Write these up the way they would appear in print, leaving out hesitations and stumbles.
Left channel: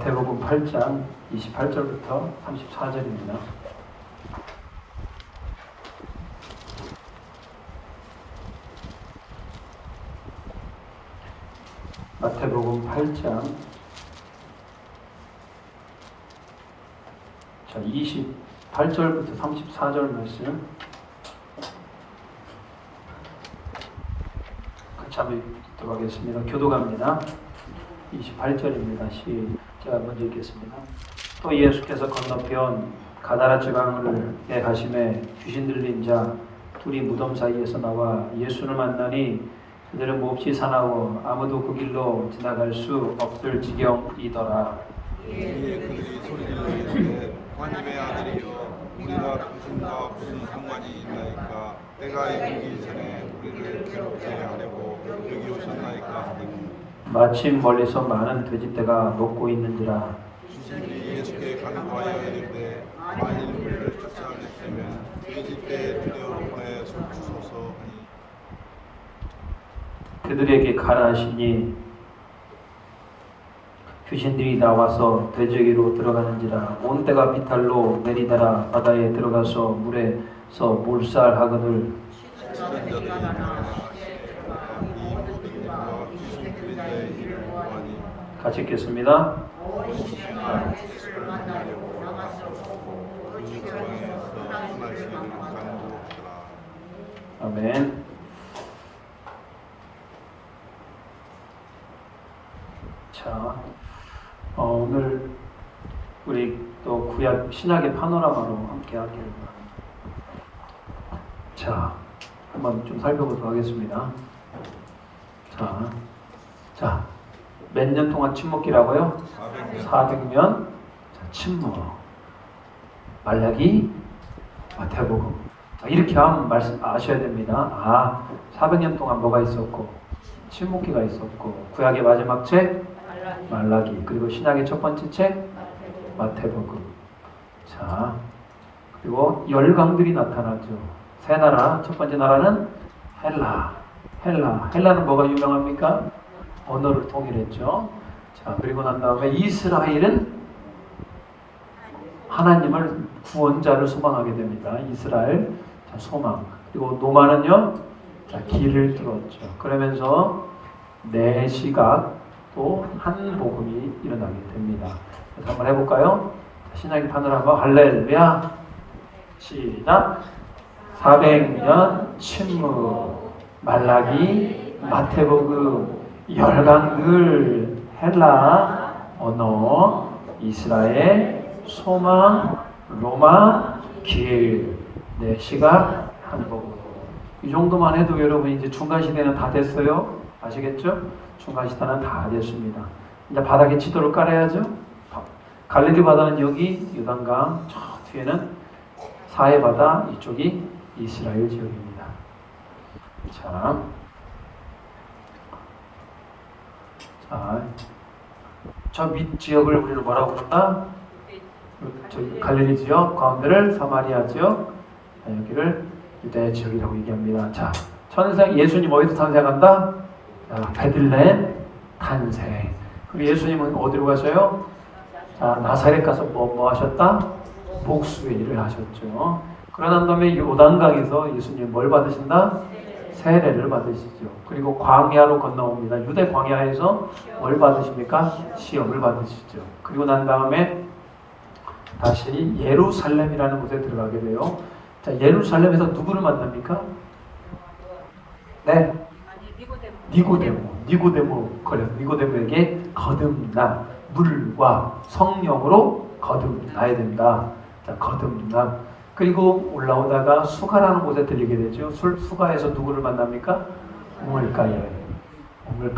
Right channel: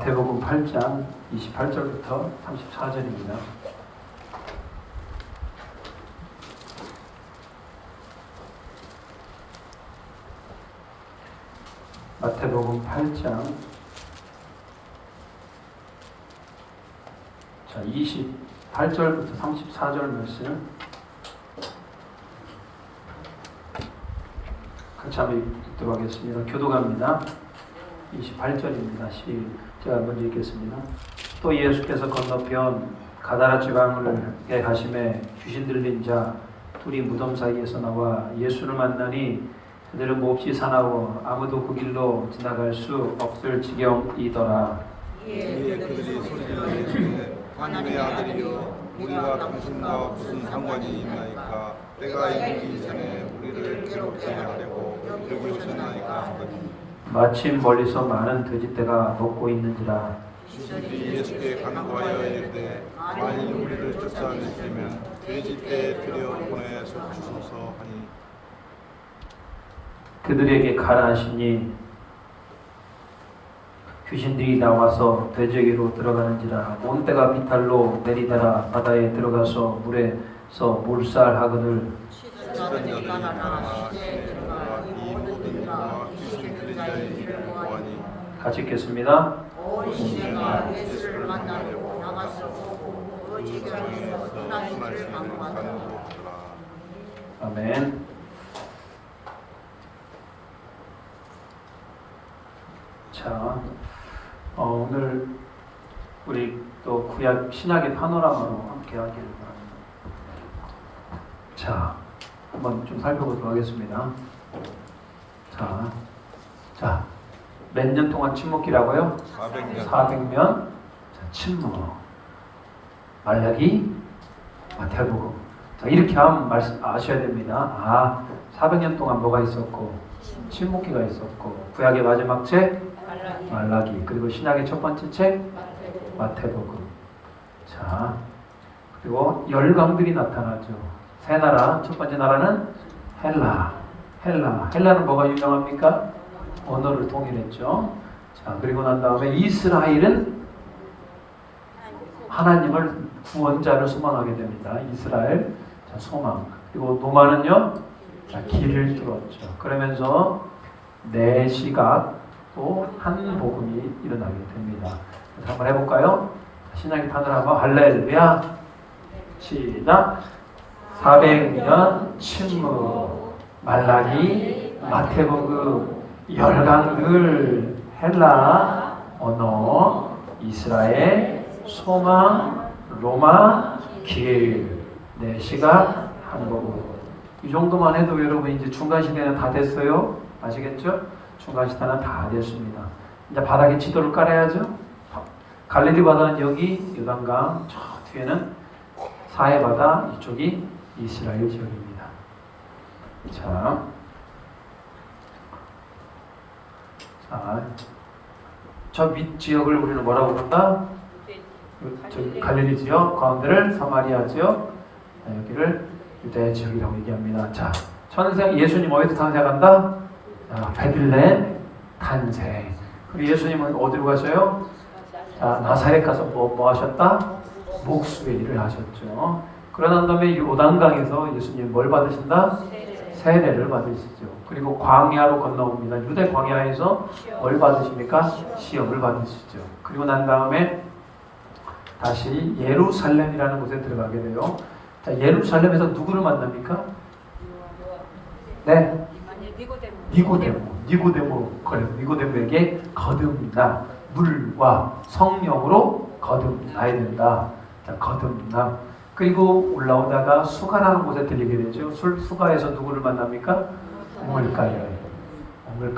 마태복음 8장 28절부터 34절입니다. 마태복음 8장 28절부터 34절 말씀 같이 한번 읽도록 하겠습니다. 교도갑니다. 28절입니다. 제가 먼저 읽겠습니다. 또 예수께서 건너편 가다라 지방에 가심에 귀신 들린 자 둘이 무덤 사이에서 나와 예수를 만나니 그들은 몹시 사나워 아무도 그 길로 지나갈 수 없을 지경이더라. 이에 그들이 소리질러 이르되 하나님의 아들이여 우리가 당신과 무슨 상관이 있나이까 때가 이르기 전에 우리를 괴롭게 하려고 여기 오셨나이까 하더니 마침 멀리서 많은 돼지떼가 녹고 있는지라. 주님이 예수께 간구하여 이르되 만일 우리를 쫓아내시면 돼지떼에 들여 보내 주소서 하니 그들에게 가라 하시니 귀신들이 나와서 돼지에게로 들어가는지라. 온 때가 비탈로 내리다라 바다에 들어가서 물에서 몰살하거늘 치던 자들이 날아나 시내 들어가 이 모든 이와 귀신 들린 자의 일을 보아니 같이 읽겠습니다. 온 시내가 예수를 만나려고 나갔었고 그 지방에서 떠나시기를 간구하더라. 아멘. 자, 오늘 우리 또 구약 신약의 파노라마로 함께 하기를 바랍니다. 자, 한번 좀 살펴보도록 하겠습니다. 자, 몇 년 동안 침묵기라고요? 400년. 400년. 자, 침묵. 말라기, 마태복음. 자, 이렇게 하면 말씀 아셔야 됩니다. 400년 동안 뭐가 있었고, 침묵기가 있었고, 구약의 마지막 책 말라기, 그리고 신약의 첫 번째 책 마태복음. 자, 그리고 열강들이 나타나죠. 세 나라, 첫 번째 나라는 헬라는 뭐가 유명합니까? 언어를 통일했죠. 자, 그리고 난 다음에 이스라엘은 하나님을 구원자로 소망하게 됩니다. 이스라엘, 자, 소망. 그리고 노마는요, 자, 길을 뚫었죠. 그러면서 네 시각 또 한 복음이 일어나게 됩니다. 그래서 한번 해볼까요? 신약의 파노라마 할렐루야. 시작. 400년 침묵, 말라기, 마태복음, 열강들, 헬라, 언어, 이스라엘, 소망, 로마, 길, 네 시각, 한 복음. 이 정도만 해도 여러분 이제 중간 시대는 다 됐어요. 아시겠죠? 중간 시대는 다 됐습니다. 이제 바닥에 지도를 깔아야죠. 갈릴리 바다는 여기 요단강, 저 뒤에는 사해 바다, 이쪽이 이스라엘 지역입니다. 자, 저 밑 지역을 우리는 뭐라고 부른다? 저 갈릴리 지역, 가운데를 사마리아 지역, 여기를 유대 지역이라고 얘기합니다. 자, 예수님 어디서 탄생한다? 베들레헴 탄생. 그리고 예수님은 어디로 가셔요? 나사렛 가서 뭐 하셨다? 목수의 일을 하셨죠. 그러난 다음에 요단강에서 예수님 뭘 받으신다? 세례를 받으시죠. 그리고 광야로 건너옵니다. 유대 광야에서 뭘 받으십니까? 시험을 받으시죠. 그리고 난 다음에 다시 예루살렘이라는 곳에 들어가게 돼요. 자, 예루살렘에서 누구를 만납니까? 네. 니고데모에게 거듭나, 물과 성령으로 거듭나야 된다. 자, 거듭나. 그리고 올라오다가 수가라는 곳에 들리게 되죠. 수가에서 누구를 만납니까? 우물가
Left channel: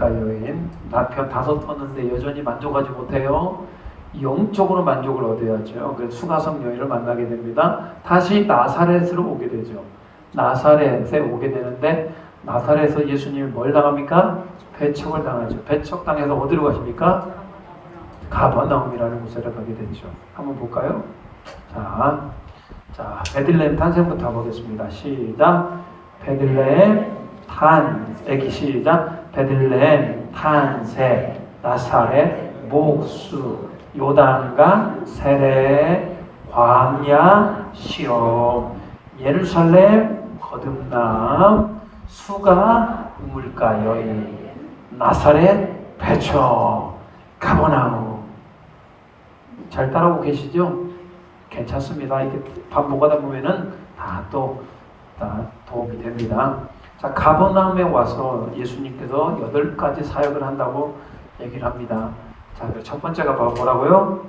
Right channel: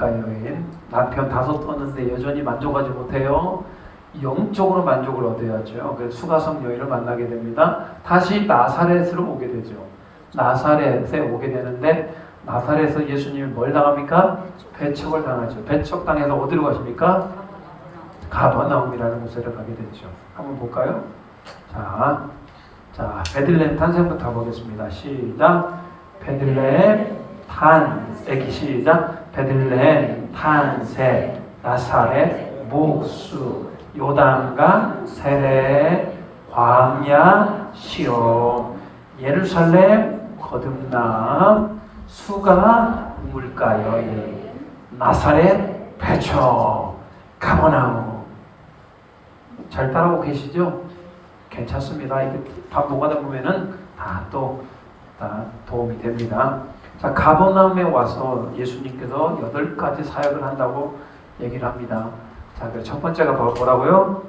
여인. 남편 5 떴는데 여전히 만족하지 못해요. 영적으로 만족을 얻어야죠. 그래서 수가성 여인을 만나게 됩니다. 다시 나사렛으로 오게 되죠. 나사렛에 오게 되는데 나사렛에서 예수님이 뭘 당합니까? 배척을 당하죠. 배척당해서 어디로 가십니까? 가버나움이라는 곳에 가게 됐죠. 한번 볼까요? 자, 베들레헴 탄생부터 보겠습니다. 시작. 베들레헴 탄생. 시작. 베들레헴 탄생. 나사렛 목수. 요단강, 세례, 광야, 시험, 예루살렘, 거듭남, 수가, 우물가여이, 나사렛, 배초, 가버나움. 잘 따라오고 계시죠? 괜찮습니다. 이렇게 반복하다 보면은 다 도움이 됩니다. 자, 가버나움에 와서 예수님께서 8가지 사역을 한다고 얘기를 합니다. 자, 첫 번째가 뭐라고요?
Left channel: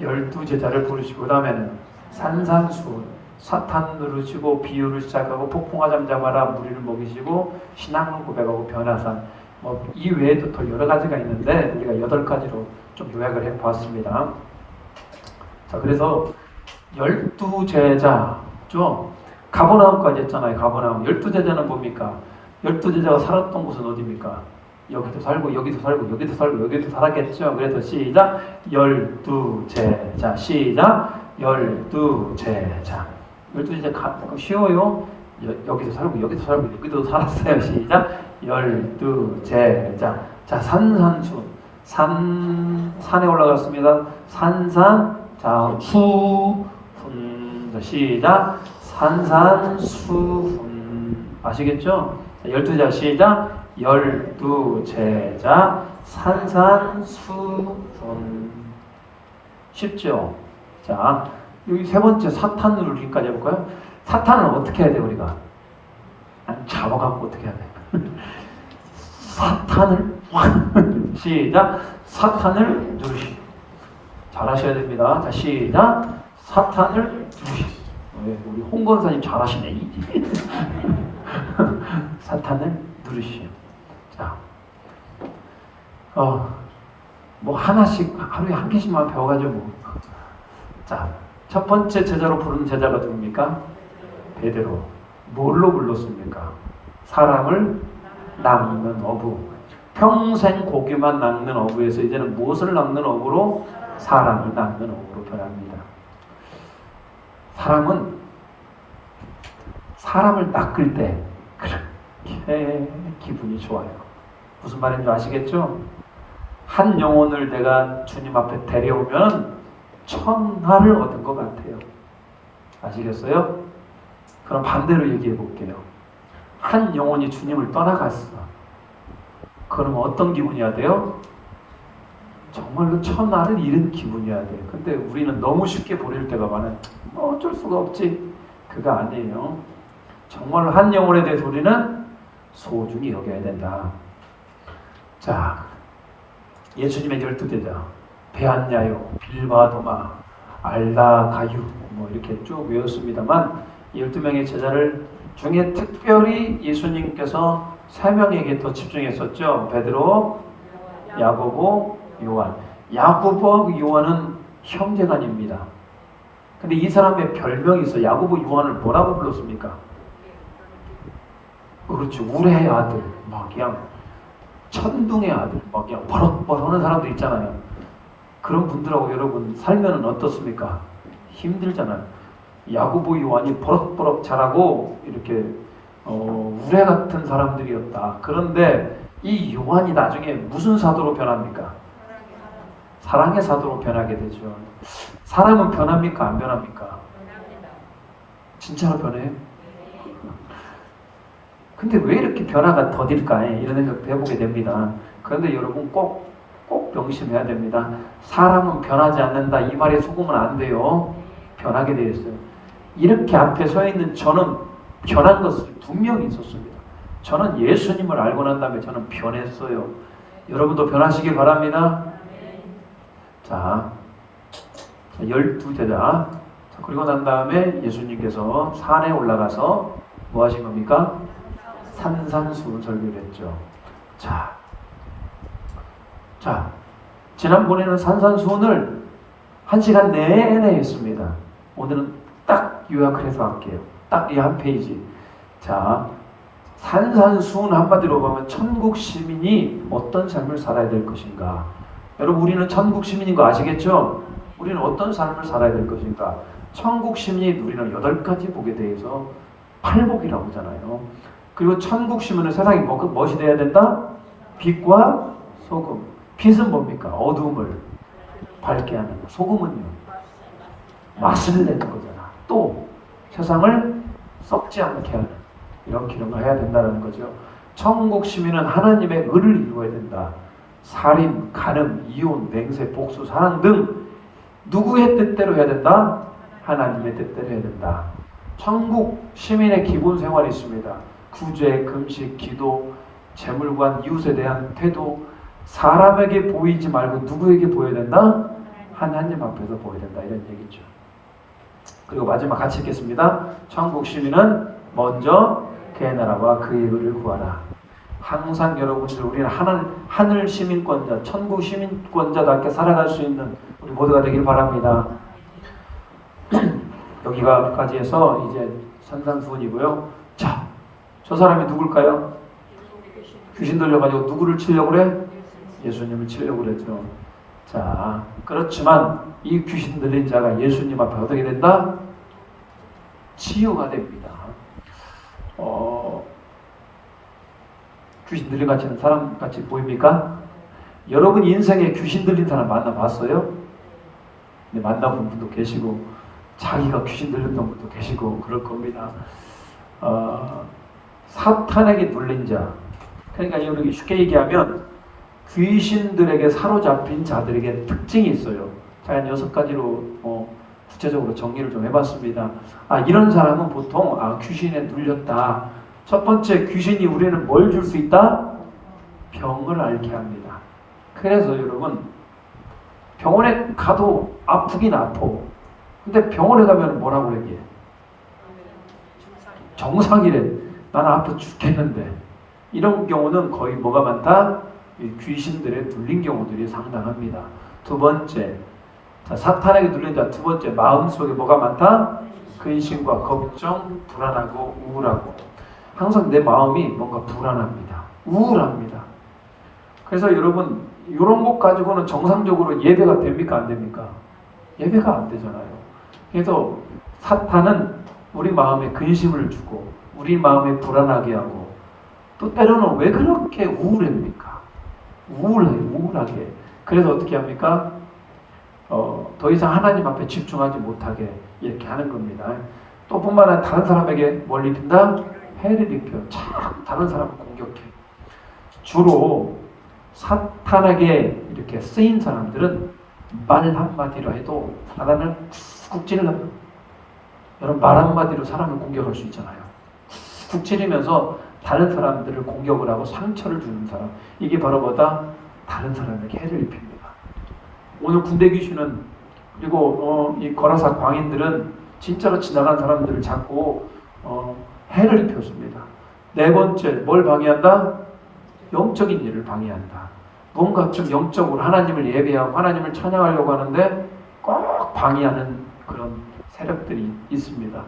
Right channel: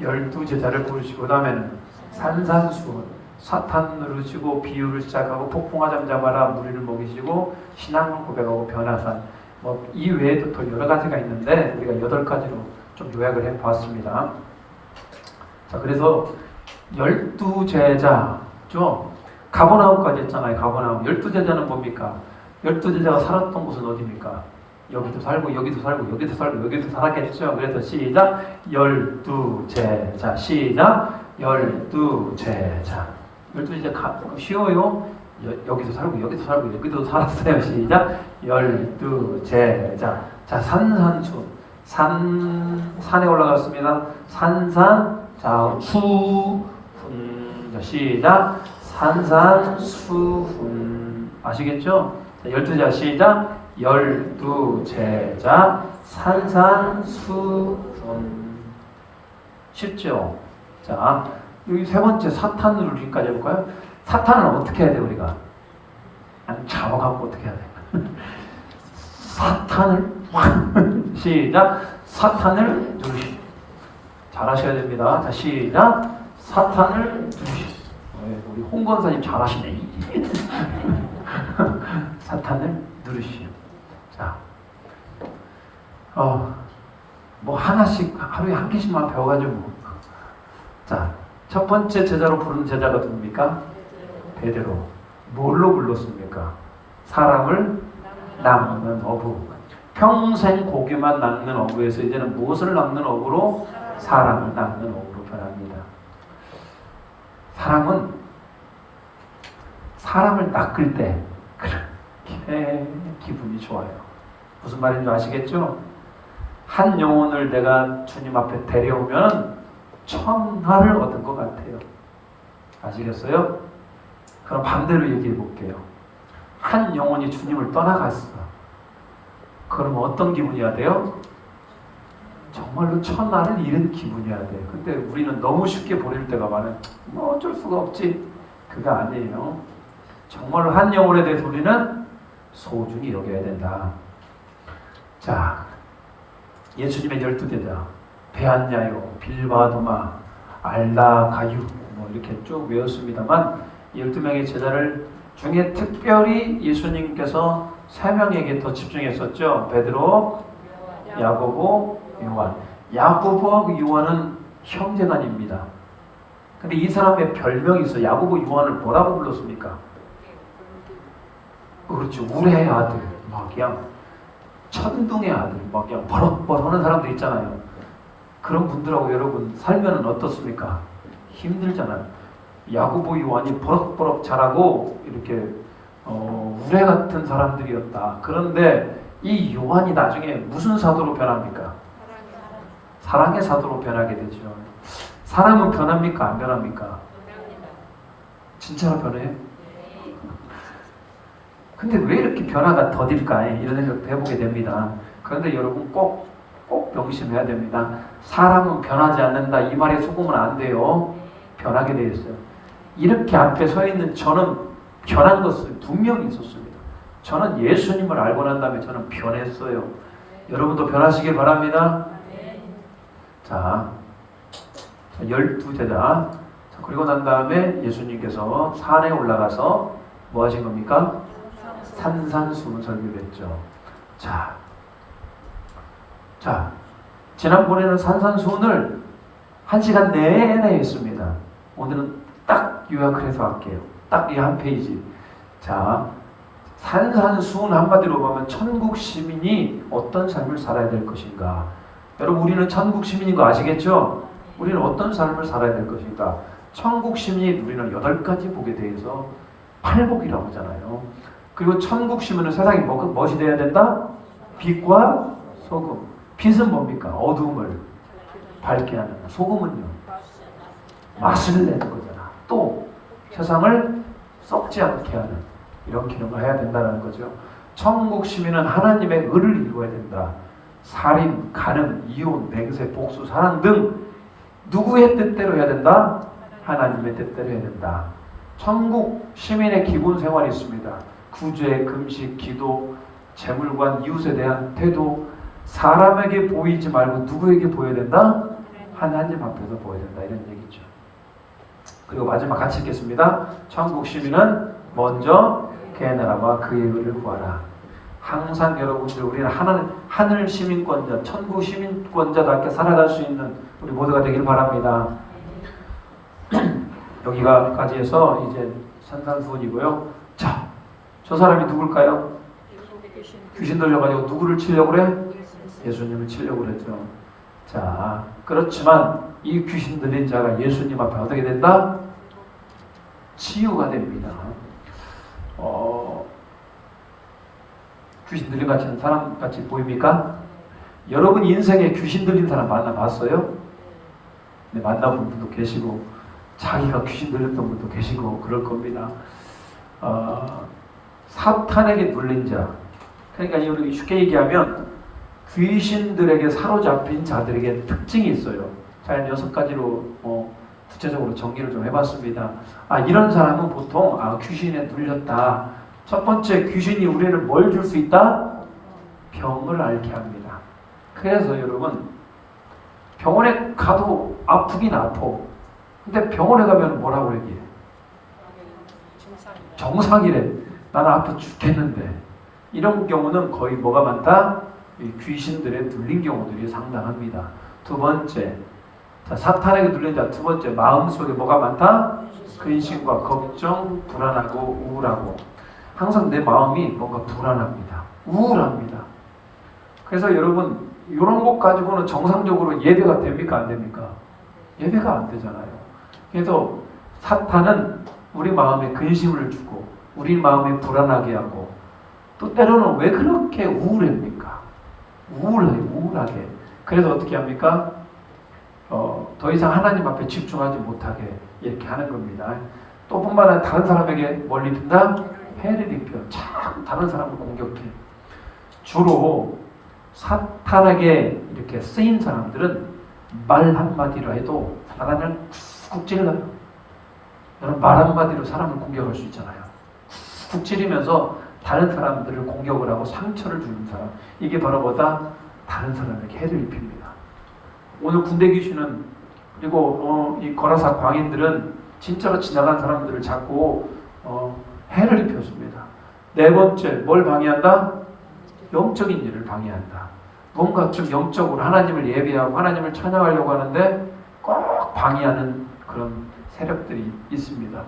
12제자를 부르시고, 그 다음에는 산산수, 사탄 누르시고 비유를 시작하고 폭풍아 잠잠하라 무리를 먹이시고 신앙을 고백하고 변화산, 이 외에도 더 여러 가지가 있는데 우리가 8가지로 좀 요약을 해봤습니다. 자, 그래서 12제자죠. 가버나움까지 했잖아요. 가버나움. 12제자는 뭡니까? 12제자가 살았던 곳은 어디입니까? 여기도 살고 여기도 살고 여기도 살고 여기도 살았겠죠. 그래서 시작 12제자 시작 12제자 12제자 쉬워요. 여기도 살고 여기도 살고 여기도 살았어요. 시작 12제자. 자, 산산수 산에 올라갔습니다. 산산 자 수훈 시작 산산수훈 아시겠죠? 자, 12제자 시작 12제자 산산수훈 쉽죠? 자, 여기 세 번째 사탄 누르기까지 해볼까요? 사탄은 어떻게 해야 돼 우리가? 잡아갖고 어떻게 해야 돼? 사탄을 시작 사탄을 누르시 잘하셔야 됩니다. 자, 시작 사탄을 누르시. 우리 홍 권사님 잘하시네. 사탄을 누르시. 자, 뭐 하나씩 하루에 한 개씩만 배워가지고. 자, 첫 번째 제자로 부른 제자가 누굽니까? 베드로. 뭘로 불렀습니까? 사람을 낚는 어부. 평생 고기만 낚는 어부에서 이제는 무엇을 낚는 어부로? 사람을 낚는 어부로 변합니다. 사람은 사람을 낚을 때 그렇게 기분이 좋아요. 무슨 말인지 아시겠죠? 한 영혼을 내가 주님 앞에 데려오면 천하를 얻은 것 같아요. 아시겠어요? 그럼 반대로 얘기해 볼게요. 한 영혼이 주님을 떠나갔어. 그럼 어떤 기분이어야 돼요? 정말로 천하를 잃은 기분이어야 돼요. 근데 우리는 너무 쉽게 버릴 때가 많아요. 어쩔 수가 없지. 그거 아니에요. 정말로 한 영혼에 대해서 우리는 소중히 여겨야 된다. 자, 예수님의 12제자 베안야요, 빌바도마, 알다, 가유 이렇게 쭉 외웠습니다만 12명의 제자를 중에 특별히 예수님께서 3명에게 더 집중했었죠. 베드로, 야고보, 요한. 야고보, 요한은 형제간입니다. 근데 이 사람의 별명이 있어. 야고보, 요한을 뭐라고 불렀습니까? 그렇죠. 우레의 아들, 막 그냥 천둥의 아들, 막 그냥 버럭버럭 하는 사람들 있잖아요. 그런 분들하고 여러분 살면은 어떻습니까? 힘들잖아요. 야고보, 요한이 버럭버럭 자라고 이렇게 우레 같은 사람들이었다. 그런데 이 요한이 나중에 무슨 사도로 변합니까? 사랑의 사도로 변하게 되죠. 사람은 변합니까? 안 변합니까? 진짜로 변해요? 근데 왜 이렇게 변화가 더딜까? 이런 생각도 해보게 됩니다. 그런데 여러분 꼭 명심해야 됩니다. 사람은 변하지 않는다. 이 말에 속으면 안 돼요. 변하게 되어 있어요. 이렇게 앞에 서 있는 저는 변한 것을 분명히 있었습니다. 저는 예수님을 알고 난 다음에 저는 변했어요. 여러분도 변하시길 바랍니다. 자, 12제자. 그리고 난 다음에 예수님께서 산에 올라가서 뭐 하신 겁니까? 산산수훈 설교를 했죠. 자, 지난번에는 산산수훈을 1시간 내내 했습니다. 오늘은 딱 요약을 해서 할게요. 딱 이 한 페이지. 자, 산산수훈 한마디로 보면 천국 시민이 어떤 삶을 살아야 될 것인가. 여러분 우리는 천국 시민인 거 아시겠죠? 우리는 어떤 삶을 살아야 될 것인가. 천국 시민이 우리는 8가지 복에 대해서 8복이라고 하잖아요. 그리고 천국 시민은 세상에 무엇이 돼야 된다? 빛과 소금. 빛은 뭡니까? 어둠을 밝게 하는 소금은요 맛을 내는 거잖아. 또 세상을 썩지 않게 하는 이런 기능을 해야 된다는 거죠. 천국 시민은 하나님의 의를 이루어야 된다. 살인, 간음, 이혼, 맹세, 복수, 사랑 등 누구의 뜻대로 해야 된다? 하나님의 뜻대로 해야 된다. 천국 시민의 기본 생활이 있습니다. 구제, 금식, 기도, 재물관, 이웃에 대한 태도, 사람에게 보이지 말고 누구에게 보여야 된다? 하나님 앞에서 보여야 된다. 이런 얘기죠. 그리고 마지막 같이 읽겠습니다. 천국 시민은 먼저 그의 나라와 그의 의를 구하라. 항상 여러분들 우리는 하늘 시민권자, 천국 시민권자답게 살아갈 수 있는 우리 모두가 되길 바랍니다. 여기가까지 해서 이제 산산수훈이고요. 자, 저 사람이 누굴까요? 귀신 들려가지고 누구를 치려고 그래? 예수님을 치려고 그랬죠. 자, 그렇지만 이 귀신 들린 자가 예수님 앞에 어떻게 된다? 치유가 됩니다. 귀신 들린 같은 사람 같이 보입니까? 여러분 인생에 귀신 들린 사람 만나봤어요? 네, 만나본 분도 계시고 자기가 귀신 들렸던 분도 계시고 그럴 겁니다. 사탄에게 눌린 자, 그러니까 여기 쉽게 얘기하면 귀신들에게 사로잡힌 자들에게 특징이 있어요. 제가 6가지로 구체적으로 정리를 좀 해봤습니다. 이런 사람은 보통 귀신에 눌렸다. 첫 번째, 귀신이 우리는 뭘 줄 수 있다? 병을 앓게 합니다. 그래서 여러분 병원에 가도 아프긴 아파. 근데 병원에 가면 뭐라고 얘기해? 정상이래. 나는 아파 죽겠는데. 이런 경우는 거의 뭐가 많다? 귀신들에 눌린 경우들이 상당합니다. 두 번째, 사탄에게 눌린 자 두 번째, 마음속에 뭐가 많다? 근심과 걱정, 불안하고 우울하고. 항상 내 마음이 뭔가 불안합니다. 우울합니다. 그래서 여러분 이런 것 가지고는 정상적으로 예배가 됩니까? 안 됩니까? 예배가 안 되잖아요. 그래서 사탄은 우리 마음에 근심을 주고 우리 마음에 불안하게 하고 또 때로는 왜 그렇게 우울합니까? 우울하게. 그래서 어떻게 합니까? 더 이상 하나님 앞에 집중하지 못하게 이렇게 하는 겁니다. 또 뿐만 아니라 다른 사람에게 뭘 입힌다? 해를 입혀. 자꾸 다른 사람을 공격해. 주로 사탄에게 이렇게 쓰인 사람들은 말 한마디로 해도 사람을 쿡 찔러요. 여러분 말 한마디로 사람을 공격할 수 있잖아요. 쿡 찌르면서 다른 사람들을 공격을 하고 상처를 주는 사람. 이게 바로 뭐다? 다른 사람에게 해를 입힙니다. 오늘 군대 귀신은 그리고 이 거라사 광인들은 진짜로 지나간 사람들을 잡고 해를 입혔습니다. 네 번째, 뭘 방해한다? 영적인 일을 방해한다. 뭔가 좀 영적으로 하나님을 예배하고 하나님을 찬양하려고 하는데 꼭 방해하는 그런 세력들이 있습니다.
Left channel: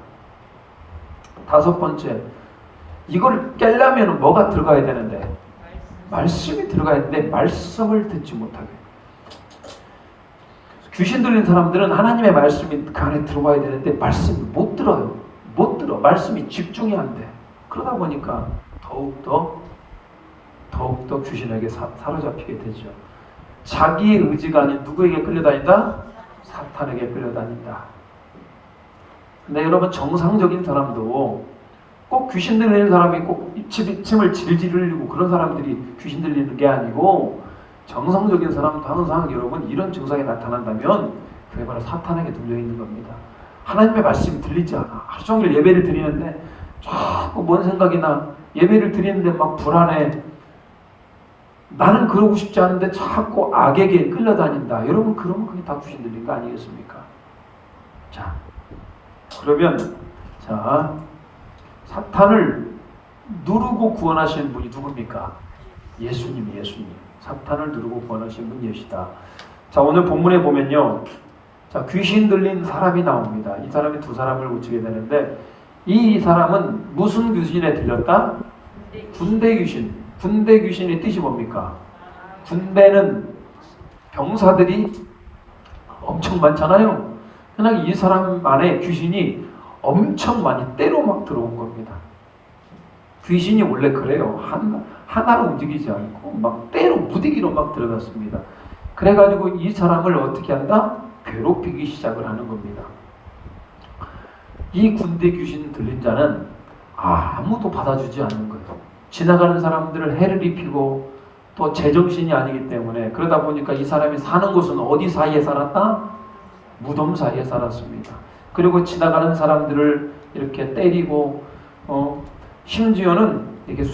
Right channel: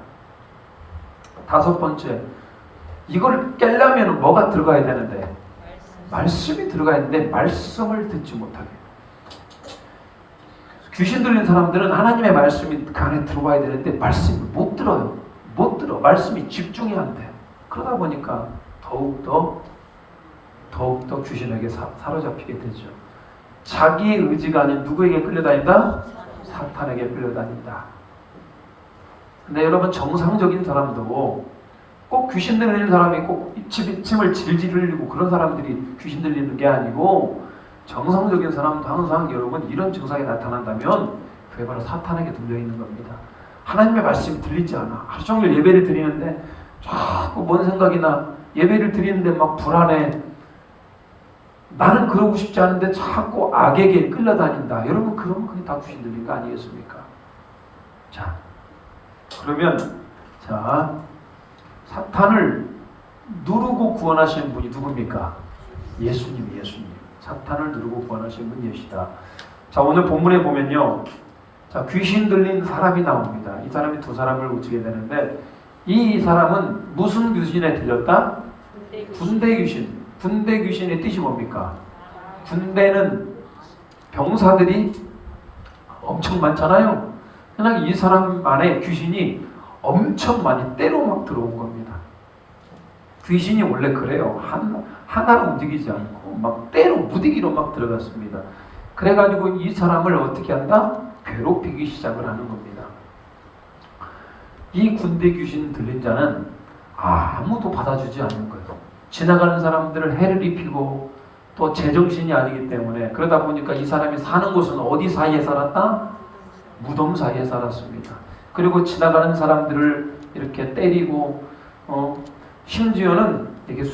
다섯 번째, 이걸 깨려면 뭐가 들어가야 되는데? 말씀이 들어가야 되는데 말씀을 듣지 못하게. 귀신 들린 사람들은 하나님의 말씀이 그 안에 들어가야 되는데 말씀을 못 들어요. 못 들어. 말씀이 집중이 안 돼. 그러다 보니까 더욱더 귀신에게 사로잡히게 되죠. 자기의 의지가 아닌 누구에게 끌려다닌다? 사탄에게 끌려다닌다. 근데 여러분 정상적인 사람도 꼭 귀신 들리는 사람이 꼭 이침을 질질 흘리고 그런 사람들이 귀신 들리는 게 아니고 정상적인 사람도 항상 여러분 이런 증상이 나타난다면 그게 바로 사탄에게 눌려있는 겁니다. 하나님의 말씀이 들리지 않아. 하루 종일 예배를 드리는데 자꾸 뭔 생각이 나. 예배를 드리는데 막 불안해. 나는 그러고 싶지 않은데 자꾸 악에게 끌려다닌다. 여러분 그러면 그게 다 귀신 들린 거 아니겠습니까? 자, 그러면 사탄을 누르고 구원하시는 분이 누굽니까? 예수님. 사탄을 누르고 구원하시는 분이 예수다. 자, 오늘 본문에 보면요. 자, 귀신 들린 사람이 나옵니다. 이 사람이 두 사람을 고치게 되는데 이 사람은 무슨 귀신에 들렸다? 군대 귀신. 군대 귀신의 뜻이 뭡니까? 군대는 병사들이 엄청 많잖아요. 그냥 이 사람 안에 귀신이 엄청 많이 때로 막 들어온 겁니다. 귀신이 원래 그래요. 하나로 움직이지 않고 막 때로 무디기로 막 들어갔습니다. 그래가지고 이 사람을 어떻게 한다? 괴롭히기 시작을 하는 겁니다. 이 군대 귀신 들린 자는 아무도 받아주지 않는 거예요. 지나가는 사람들을 해를 입히고 또 제정신이 아니기 때문에, 그러다 보니까 이 사람이 사는 곳은 어디 사이에 살았다? 무덤 사이에 살았습니다. 그리고 지나가는 사람들을 이렇게 때리고 심지어는 이게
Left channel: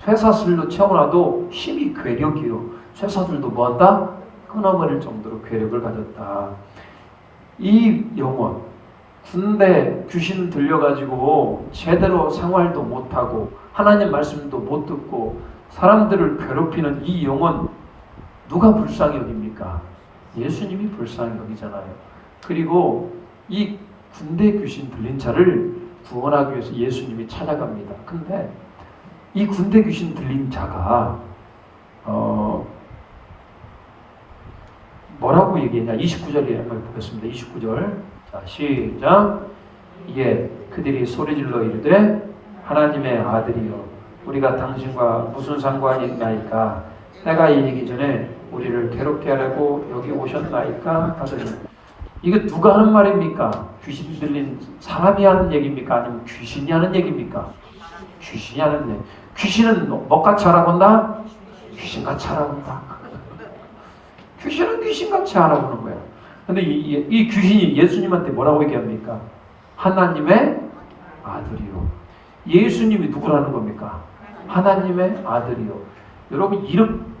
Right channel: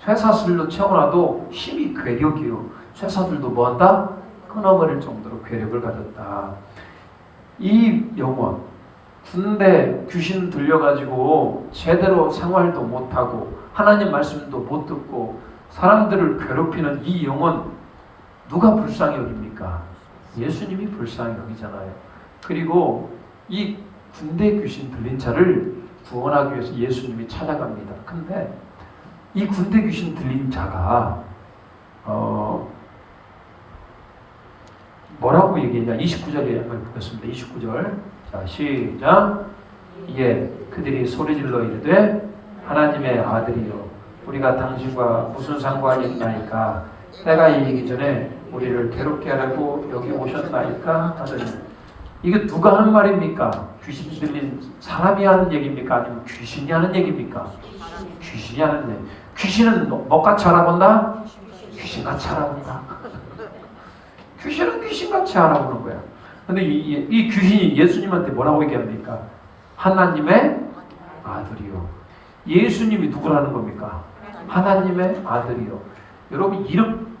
쇠사슬로 채워놔도 힘이 괴력이요. 쇠사슬도 뭐한다? 끊어버릴 정도로 괴력을 가졌다. 이 영혼, 군대 귀신 들려가지고 제대로 생활도 못하고 하나님 말씀도 못 듣고 사람들을 괴롭히는 이 영혼, 누가 불쌍히 여깁니까? 예수님이 불쌍히 여기잖아요. 그리고 이 군대 귀신 들린 자를 구원하기 위해서 예수님이 찾아갑니다. 근데 이 군대 귀신 들린 자가 뭐라고 얘기했냐? 29절에 한번 보겠습니다. 29절. 자, 시작. 이게 그들이 소리질러 이르되 하나님의 아들이여 우리가 당신과 무슨 상관이 있나이까? 때가 이르기 전에 우리를 괴롭게 하려고 여기 오셨나이까? 하더니, 이게 누가 하는 말입니까? 귀신 들린 사람이 하는 얘기입니까? 아니면 귀신이 하는 얘기입니까? 귀신이 하는 얘기. 귀신은 뭐같이 알아본다? 귀신같이 알아본다. 귀신은 귀신같이 알아보는 거야. 근데 이 귀신이 예수님한테 뭐라고 얘기합니까? 하나님의 아들이요. 예수님이 누구라는 겁니까? 하나님의 아들이요. 여러분,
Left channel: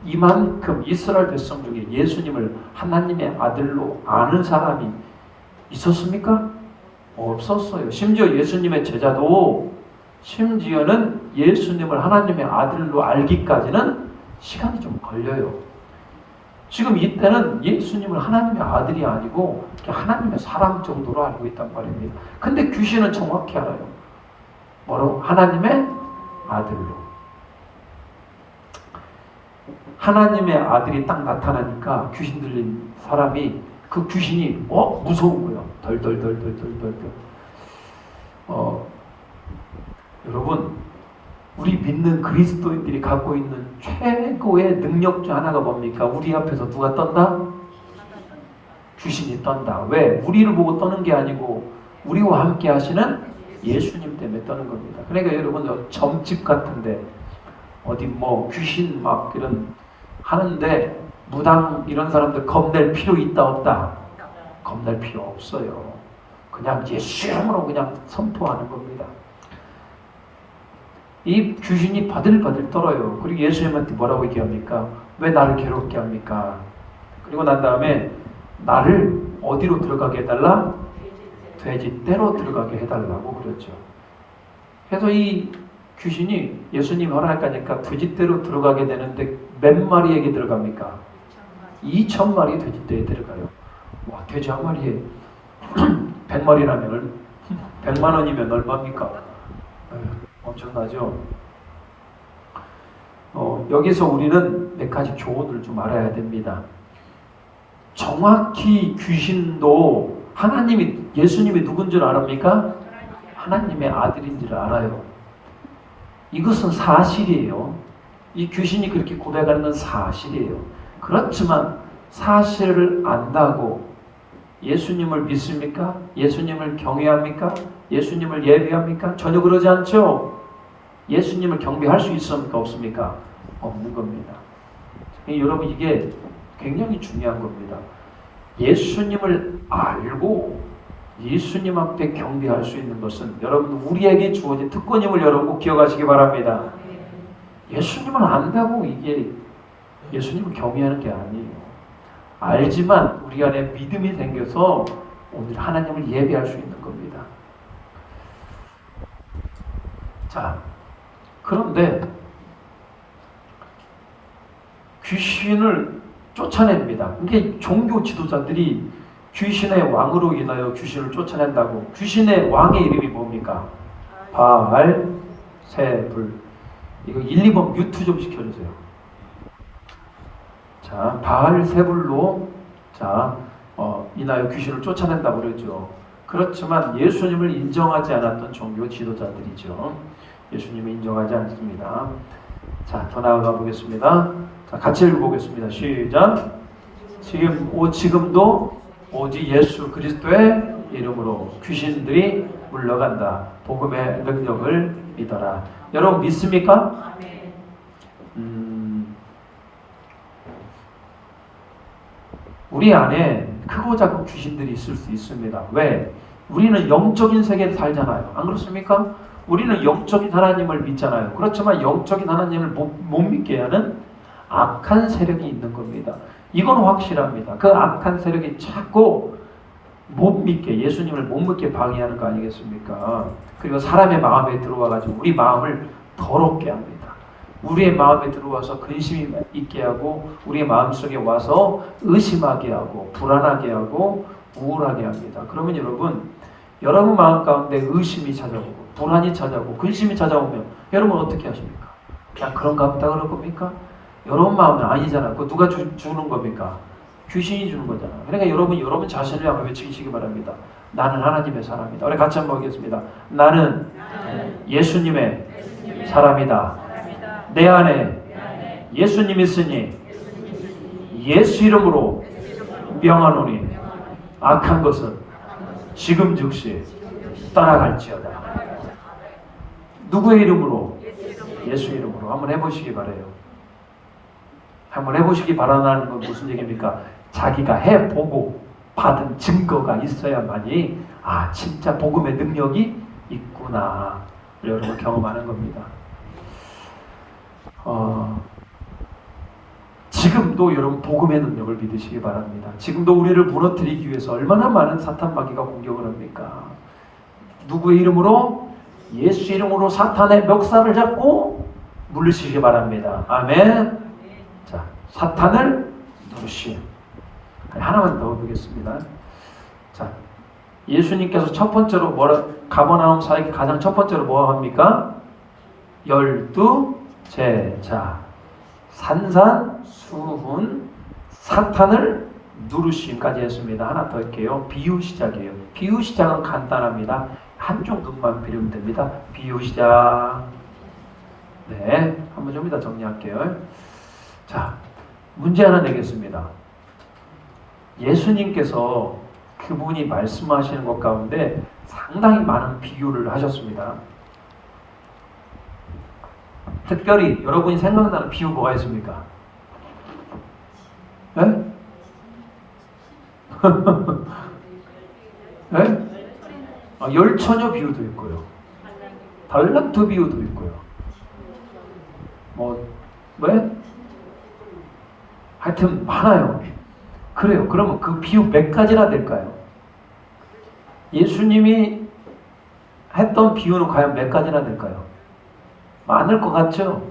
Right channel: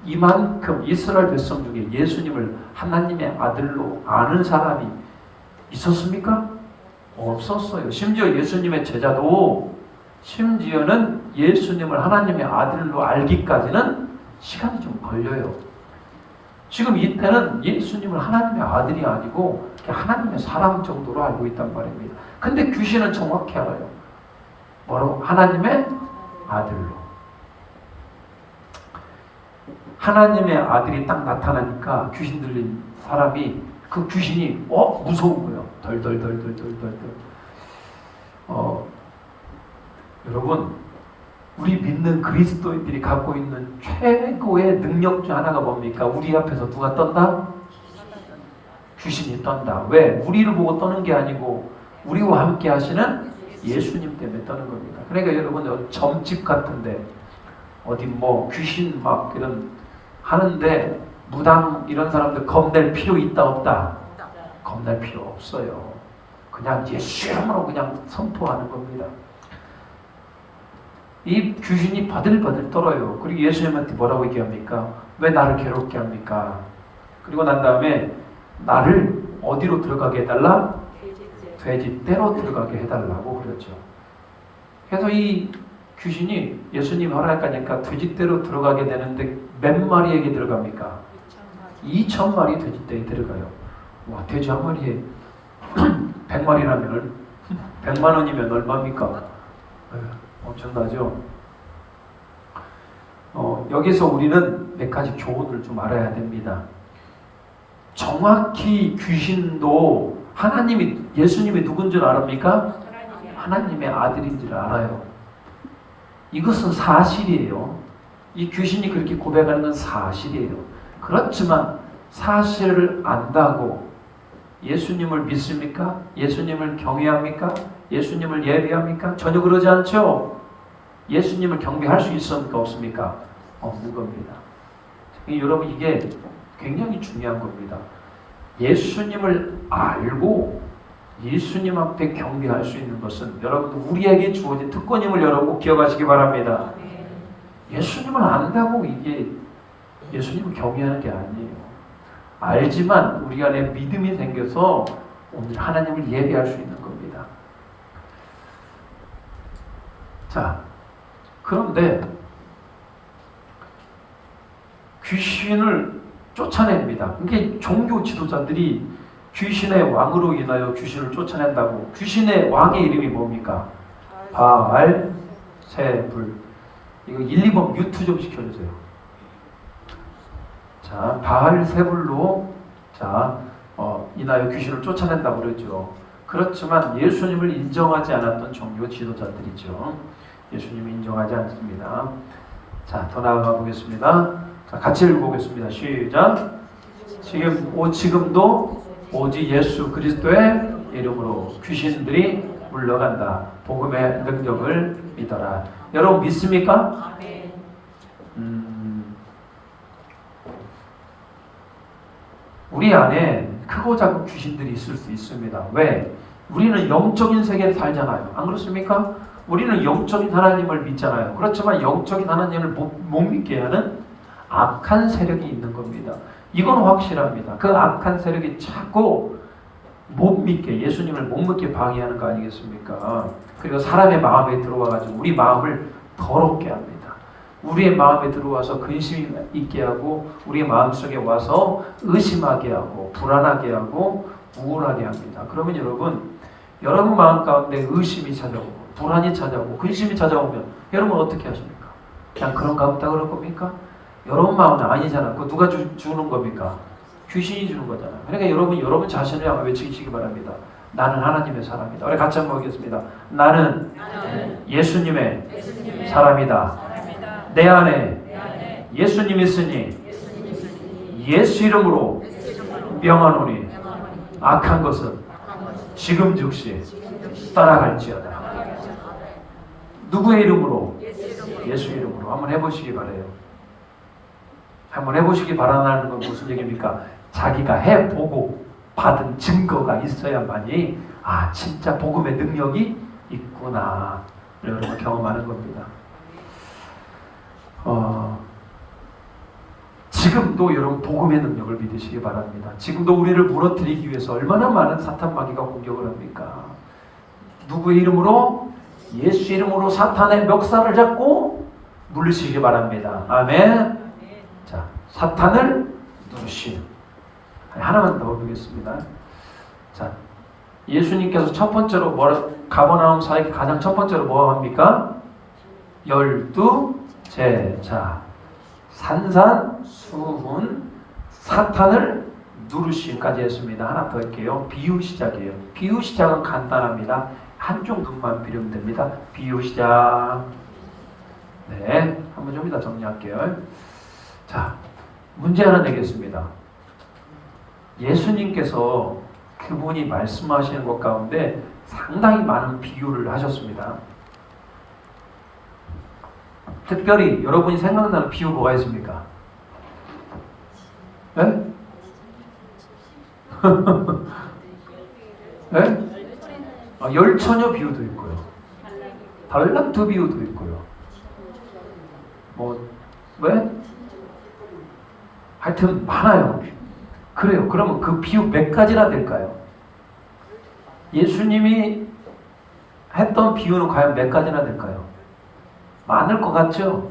이만큼 이스라엘 백성 중에 예수님을 하나님의 아들로 아는 사람이 있었습니까? 없었어요. 심지어 예수님의 제자도 심지어는 예수님을 하나님의 아들로 알기까지는 시간이 좀 걸려요. 지금 이때는 예수님을 하나님의 아들이 아니고 하나님의 사람 정도로 알고 있단 말입니다. 근데 귀신은 정확히 알아요. 뭐로? 하나님의 아들로. 하나님의 아들이 딱 나타나니까 귀신 들린 사람이, 그 귀신이 무서운 거예요. 덜덜덜덜덜덜. 여러분, 우리 믿는 그리스도인들이 갖고 있는 최고의 능력 중 하나가 뭡니까? 우리 앞에서 누가 떤다? 귀신이 떤다. 왜? 우리를 보고 떠는 게 아니고 우리와 함께 하시는 예수님 때문에 떠는 겁니다. 그러니까 여러분, 점집 같은데 어디 귀신 막 이런 하는데 무당 이런 사람들 겁낼 필요 있다 없다? 겁낼 필요 없어요. 그냥 예수 이름으로 그냥 선포하는 겁니다. 이 귀신이 바들바들 떨어요. 그리고 예수님한테 뭐라고 얘기합니까? 왜 나를 괴롭게 합니까? 그리고 난 다음에 나를 어디로 들어가게 해달라? 돼지떼로 들어가게 해달라고 그랬죠. 그래서 이 귀신이 예수님이 허락하니까 돼지떼로 들어가게 되는데 몇 마리에게 들어갑니까? 2,000마리 돼지떼에 들어가요. 와, 돼지 한 마리에 100마리라면 100만 원이면 얼마입니까? 엄청나죠? 여기서 우리는 몇 가지 교훈을 좀 알아야 됩니다. 정확히 귀신도 예수님이 누군 줄 아십니까? 하나님의 아들인 줄 알아요. 이것은 사실이에요. 이 귀신이 그렇게 고백하는 건 사실이에요. 그렇지만 사실을 안다고 예수님을 믿습니까? 예수님을 경외합니까? 예수님을 예배합니까? 전혀 그러지 않죠? 예수님을 경배할 수 있습니까? 없습니까? 없는 겁니다. 여러분, 이게 굉장히 중요한 겁니다. 예수님을 알고 예수님 앞에 경배할 수 있는 것은 여러분 우리에게 주어진 특권임을 여러분 꼭 기억하시기 바랍니다. 예수님을 안다고 이게 예수님을 경외하는 게 아니에요. 알지만 우리 안에 믿음이 생겨서 오늘 하나님을 예배할 수 있는 겁니다. 자, 그런데 귀신을 쫓아냅니다. 이게 종교 지도자들이 귀신의 왕으로 인하여 귀신을 쫓아낸다고. 귀신의 왕의 이름이 뭡니까? 바알, 세불. 이거 1, 2번 뮤트 좀 시켜주세요. 자, 바알, 세불로 인하여 귀신을 쫓아낸다고 그러죠. 그렇지만 예수님을 인정하지 않았던 종교 지도자들이죠. 예수님을 인정하지 않습니다. 자, 더 나아가 보겠습니다. 자, 같이 읽어보겠습니다. 시작. 지금도 오직 예수 그리스도의 이름으로 귀신들이 물러간다. 복음의 능력을 믿어라. 여러분 믿습니까? 우리 안에 크고 작은 귀신들이 있을 수 있습니다. 왜? 우리는 영적인 세계에 살잖아요. 안 그렇습니까? 우리는 영적인 하나님을 믿잖아요. 그렇지만 영적인 하나님을 못 믿게 하는 악한 세력이 있는 겁니다. 이건 확실합니다. 그 악한 세력이 자꾸 못 믿게, 예수님을 못 믿게 방해하는 거 아니겠습니까? 그리고 사람의 마음에 들어와가지고 우리 마음을 더럽게 합니다. 우리의 마음에 들어와서 근심이 있게 하고 우리의 마음속에 와서 의심하게 하고 불안하게 하고 우울하게 합니다. 그러면 여러분 마음 가운데 의심이 찾아오고 불안이 찾아오고 근심이 찾아오면 여러분 어떻게 하십니까? 그냥 그런가 보다 그럴 겁니까? 여러분 마음은 아니잖아요. 그거 누가 주는 겁니까? 귀신이 주는 거잖아요. 그러니까 여러분 자신을 한번 외치시기 바랍니다. 나는 하나님의 사람이다. 우리 같이 한번 보겠습니다. 나는 예수님의 사람이다. 내 안에 예수님 있으니 예수 이름으로 명하노니 악한 것은 지금 즉시 떠나갈지어다. 누구의 이름으로? 예수 이름으로. 한번 해보시기 바라요. 한번 해보시기 바라는 건 무슨 얘기입니까? 자기가 해보고 받은 증거가 있어야만이 진짜 복음의 능력이 있구나 여러분 경험하는 겁니다. 지금도 여러분 복음의 능력을 믿으시기 바랍니다. 지금도 우리를 무너뜨리기 위해서 얼마나 많은 사탄 마귀가 공격을 합니까? 누구의 이름으로? 예수 이름으로 사탄의 멱살을 잡고 물리시기 바랍니다. 아멘. 자, 사탄을 누르시오. 하나만 더 보겠습니다. 자, 예수님께서 첫 번째로 가버나움 사역의 가장 첫 번째로 뭐 합니까? 12제자 산산수훈 사탄을 누르심까지 했습니다. 하나 더 할게요. 비유 시작이에요. 비유 시작은 간단합니다. 한쪽 눈만 비우면 됩니다. 비유 시작. 네, 한번 좀 이따 정리할게요. 자, 문제 하나 내겠습니다. 예수님께서 그분이 말씀하시는 것 가운데 상당히 많은 비유를 하셨습니다. 특별히 여러분이 생각나는 비유 뭐가 있습니까? 네? 네? 열처녀 비유도 있고요. 달란트 비유도 있고요. 왜? 하여튼 많아요. 그래요. 그러면 그 비유 몇 가지나 될까요? 예수님이 했던 비유는 과연 몇 가지나 될까요? 많을 것 같죠?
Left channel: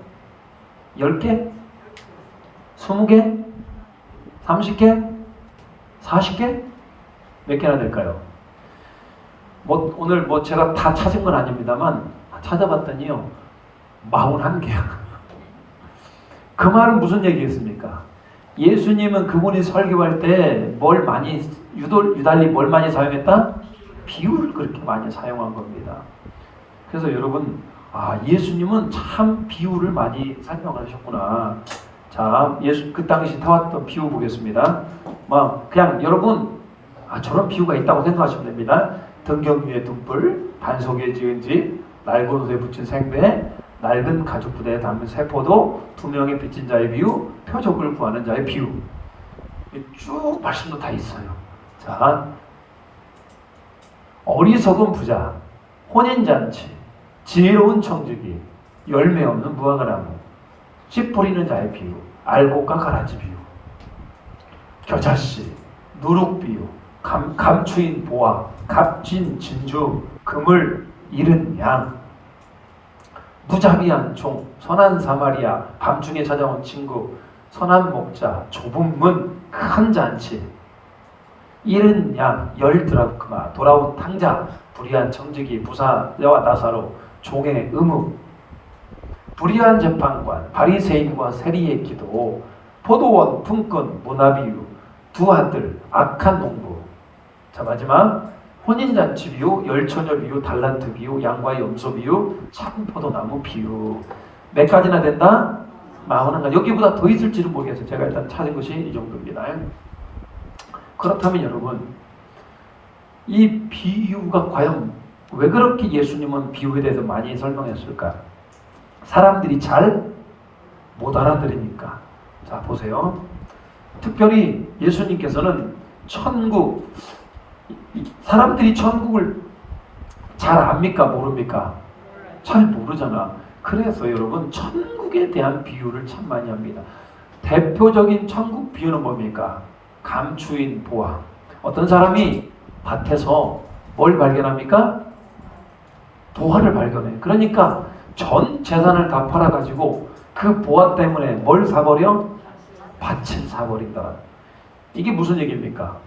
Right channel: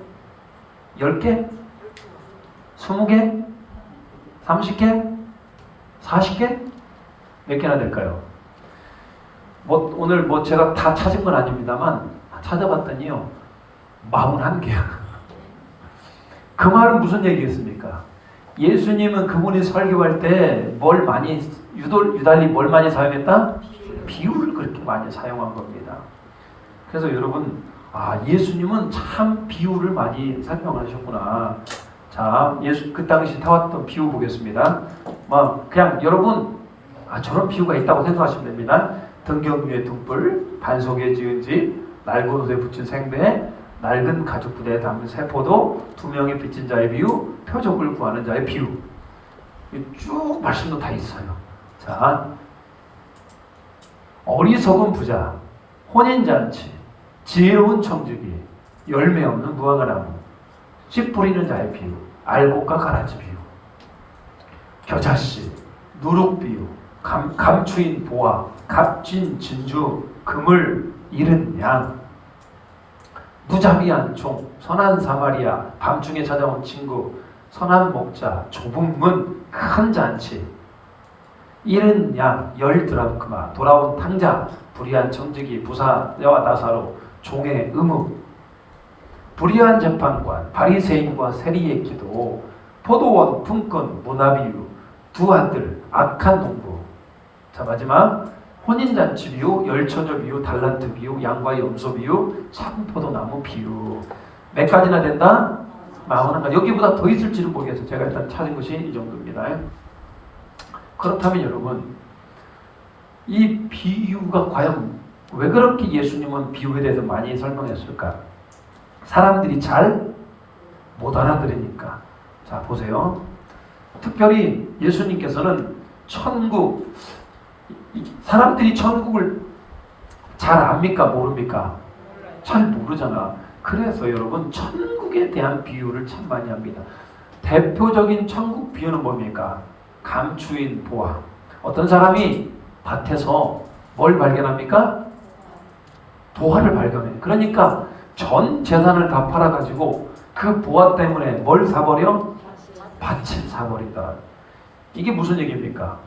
10개? 20개? 30개? 40개? 몇 개나 될까요? 오늘 제가 다 찾은 건 아닙니다만 찾아봤더니요 41개요. 그 말은 무슨 얘기였습니까? 예수님은 그분이 설교할 때 유달리 뭘 많이 사용했다? 비유를 그렇게 많이 사용한 겁니다. 그래서 여러분 예수님은 참 비유를 많이 설명하셨구나. 자, 예수 그 당시 타왔던 비유 보겠습니다. 그냥 여러분 저런 비유가 있다고 생각하시면 됩니다. 등경 위에 둥불, 반석에 지은 집, 낡은 옷에 붙인 생배, 낡은 가죽 부대에 담은 세포도, 두 명의 빚진 자의 비유, 표적을 구하는 자의 비유. 쭉 말씀도 다 있어요. 자, 어리석은 부자, 혼인잔치, 지혜로운 청지기, 열매 없는 무화과나무, 씨 뿌리는 자의 비유, 알곡과 가라지 비유, 겨자씨, 누룩 비유, 감추인 보화, 값진 진주, 그물 잃은 양, 무자비한 종, 선한 사마리아, 밤중에 찾아온 친구, 선한 목자, 좁은 문, 큰 잔치, 잃은 양, 10드라크마, 돌아온 탕자, 불의한 청지기, 부사와 나사로, 종의 의무, 불의한 재판관, 바리새인과 세리의 기도, 포도원, 품꾼, 문화비유, 두 아들, 악한 농부. 자, 마지막 혼인잔치 비유, 열처녀 비유, 달란트 비유, 양과 염소 비유, 참 포도나무 비유. 몇 가지나 된다? 41가지. 여기보다 더 있을지는 모르겠어요. 제가 일단 찾은 것이 이 정도입니다. 그렇다면 여러분, 이 비유가 과연 왜 그렇게 예수님은 비유에 대해서 많이 설명했을까? 사람들이 잘 못 알아들으니까. 자, 보세요. 특별히 예수님께서는 천국, 사람들이 천국을 잘 압니까? 모릅니까? 잘 모르잖아. 그래서 여러분, 천국에 대한 비유를 참 많이 합니다. 대표적인 천국 비유는 뭡니까? 감추인 보화. 어떤 사람이 밭에서 뭘 발견합니까? 보화를 발견해요. 그러니까 전 재산을 다 팔아가지고 그 보화 때문에 뭘 사버려? 밭을 사버린다. 이게 무슨 얘기입니까?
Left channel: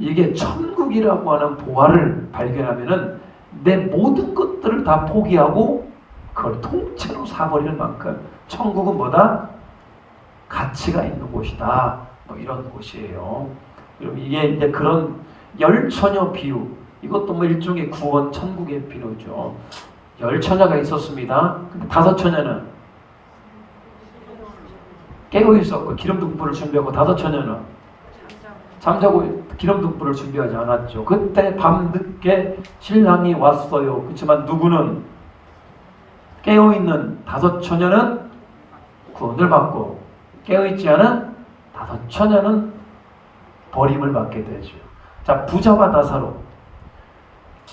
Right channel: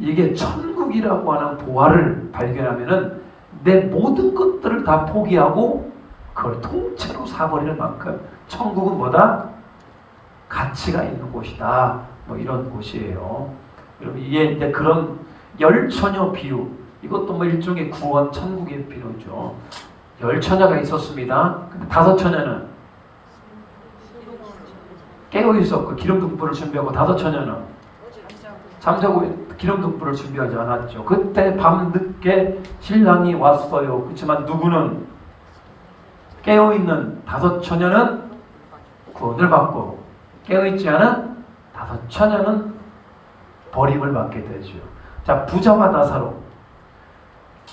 이게 천국이라고 하는 보화를 발견하면은 내 모든 것들을 다 포기하고 그걸 통째로 사버리는 만큼 천국은 뭐다? 가치가 있는 곳이다. 뭐 이런 곳이에요. 여러분, 이게 이제 그런 열처녀 비유, 이것도 뭐 일종의 구원 천국의 비유죠. 열처녀가 있었습니다. 근데 5처녀는 깨어 있었고 기름 등불을 준비하고 5처녀는 잠자고 기름 등불을 준비하지 않았죠. 그때 밤늦게 신랑이 왔어요. 그렇지만 누구는 깨어 있는 5처녀는 구원을 받고 깨어 있지 않은 5처녀는 버림을 받게 되죠. 자, 부자와 나사로.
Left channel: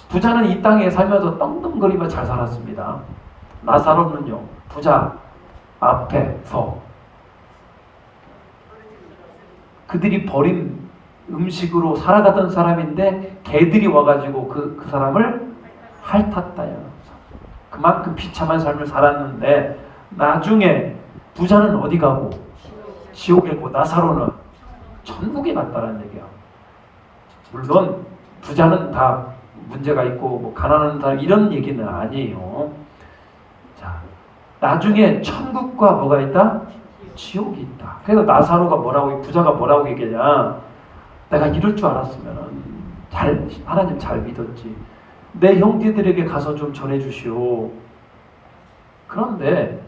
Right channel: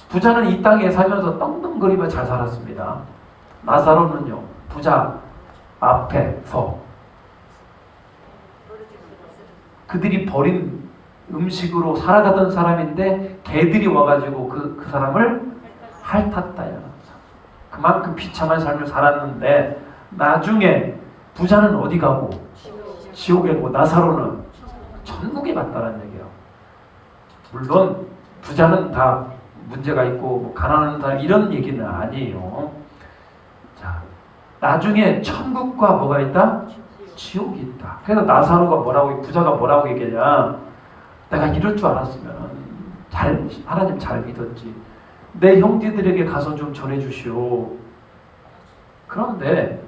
부자는 이 땅에 살면서 떵떵거리며 잘 살았습니다. 나사로는요, 부자 앞에서 그들이 버린 음식으로 살아가던 사람인데 개들이 와가지고 그 사람을 핥았다요. 그만큼 비참한 삶을 살았는데 나중에 부자는 어디 가고? 지옥에 가고 나사로는 천국에 갔다는 얘기야. 물론 부자는 다 문제가 있고 뭐 가난한 사람 이런 얘기는 아니에요. 자, 나중에 천국과 뭐가 있다? 지옥이 있다. 그래서 나사로가 뭐라고, 부자가 뭐라고 얘기하냐? 내가 이럴 줄 알았으면 하나님 잘 믿었지. 내 형제들에게 가서 좀 전해주시오. 그런데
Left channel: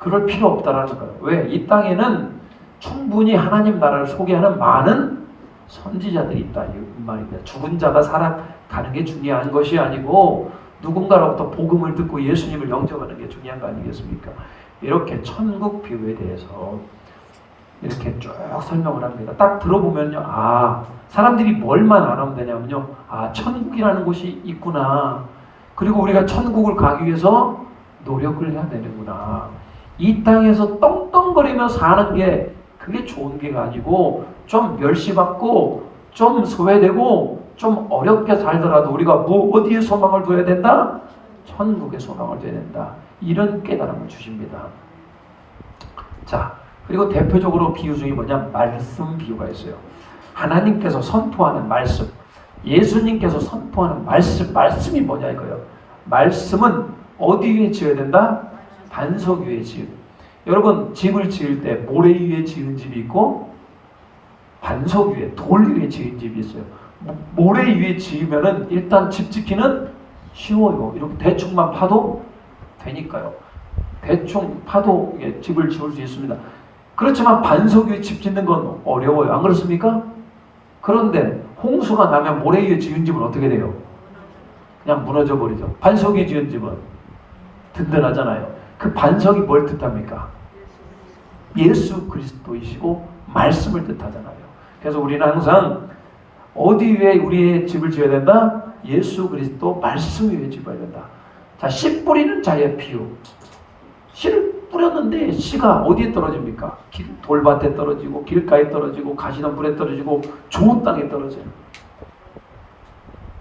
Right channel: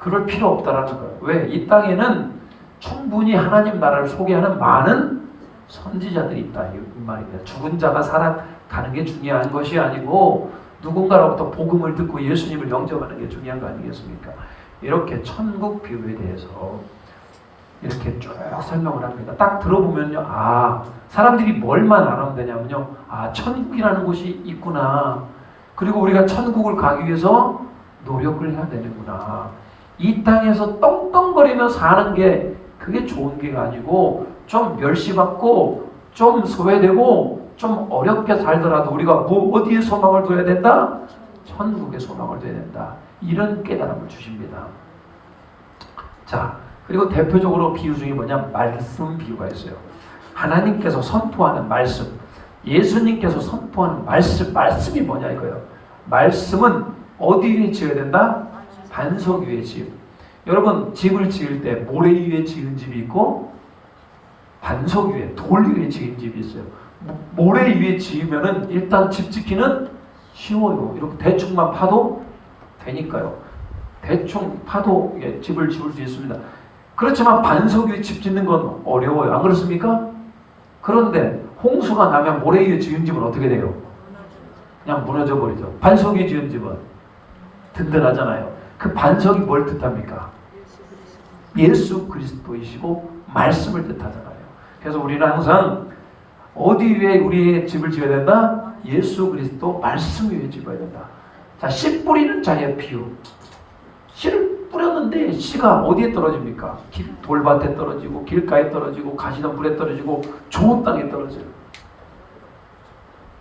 그럴 필요 없다라는 거예요. 왜? 이 땅에는 충분히 하나님 나라를 소개하는 많은 선지자들이 있다. 이 말입니다. 죽은 자가 살아가는 게 중요한 것이 아니고 누군가로부터 복음을 듣고 예수님을 영접하는 게 중요한 거 아니겠습니까? 이렇게 천국 비유에 대해서 이렇게 쭉 설명을 합니다. 딱 들어보면요, 아, 사람들이 뭘만 알아면 되냐면요, 아, 천국이라는 곳이 있구나. 그리고 우리가 천국을 가기 위해서 노력을 해야 되는구나. 이 땅에서 떵떵거리며 사는 게 그게 좋은 게가 아니고 좀 멸시받고 좀 소외되고 좀 어렵게 살더라도 우리가 어디에 소망을 둬야 된다? 천국에 소망을 둬야 된다. 이런 깨달음을 주십니다. 자, 그리고 대표적으로 비유 중에 뭐냐? 말씀 비유가 있어요. 하나님께서 선포하는 말씀, 예수님께서 선포하는 말씀이 뭐냐 이거예요. 말씀은 어디 위에 지어야 된다? 반석 위에 지어. 여러분, 집을 지을 때 모래 위에 지은 집이 있고 반석 위에, 돌 위에 지은 집이 있어요. 모래 위에 지으면은 일단 집 짓기는 쉬워요. 이렇게 대충만 파도 되니까요. 대충 파도 집을 지을 수 있습니다. 그렇지만 반석 위에 집 짓는 건 어려워요. 안 그렇습니까? 그런데 홍수가 나면 모래 위에 지은 집은 어떻게 돼요? 그냥 무너져 버리죠. 반석 위에 지은 집은 든든하잖아요. 그 반석이 뭘 뜻합니까? 예수 그리스도이시고 말씀을 뜻하잖아요. 그래서 우리는 항상 어디 위에 우리의 집을 지어야 된다? 예수 그리스도 말씀 위에 집어야 된다. 자, 씨 뿌리는 자의 비유. 씨를 뿌렸는데 씨가 어디에 떨어집니까? 돌밭에 떨어지고 길가에 떨어지고 가시덤불에 떨어지고 좋은 땅에 떨어져요.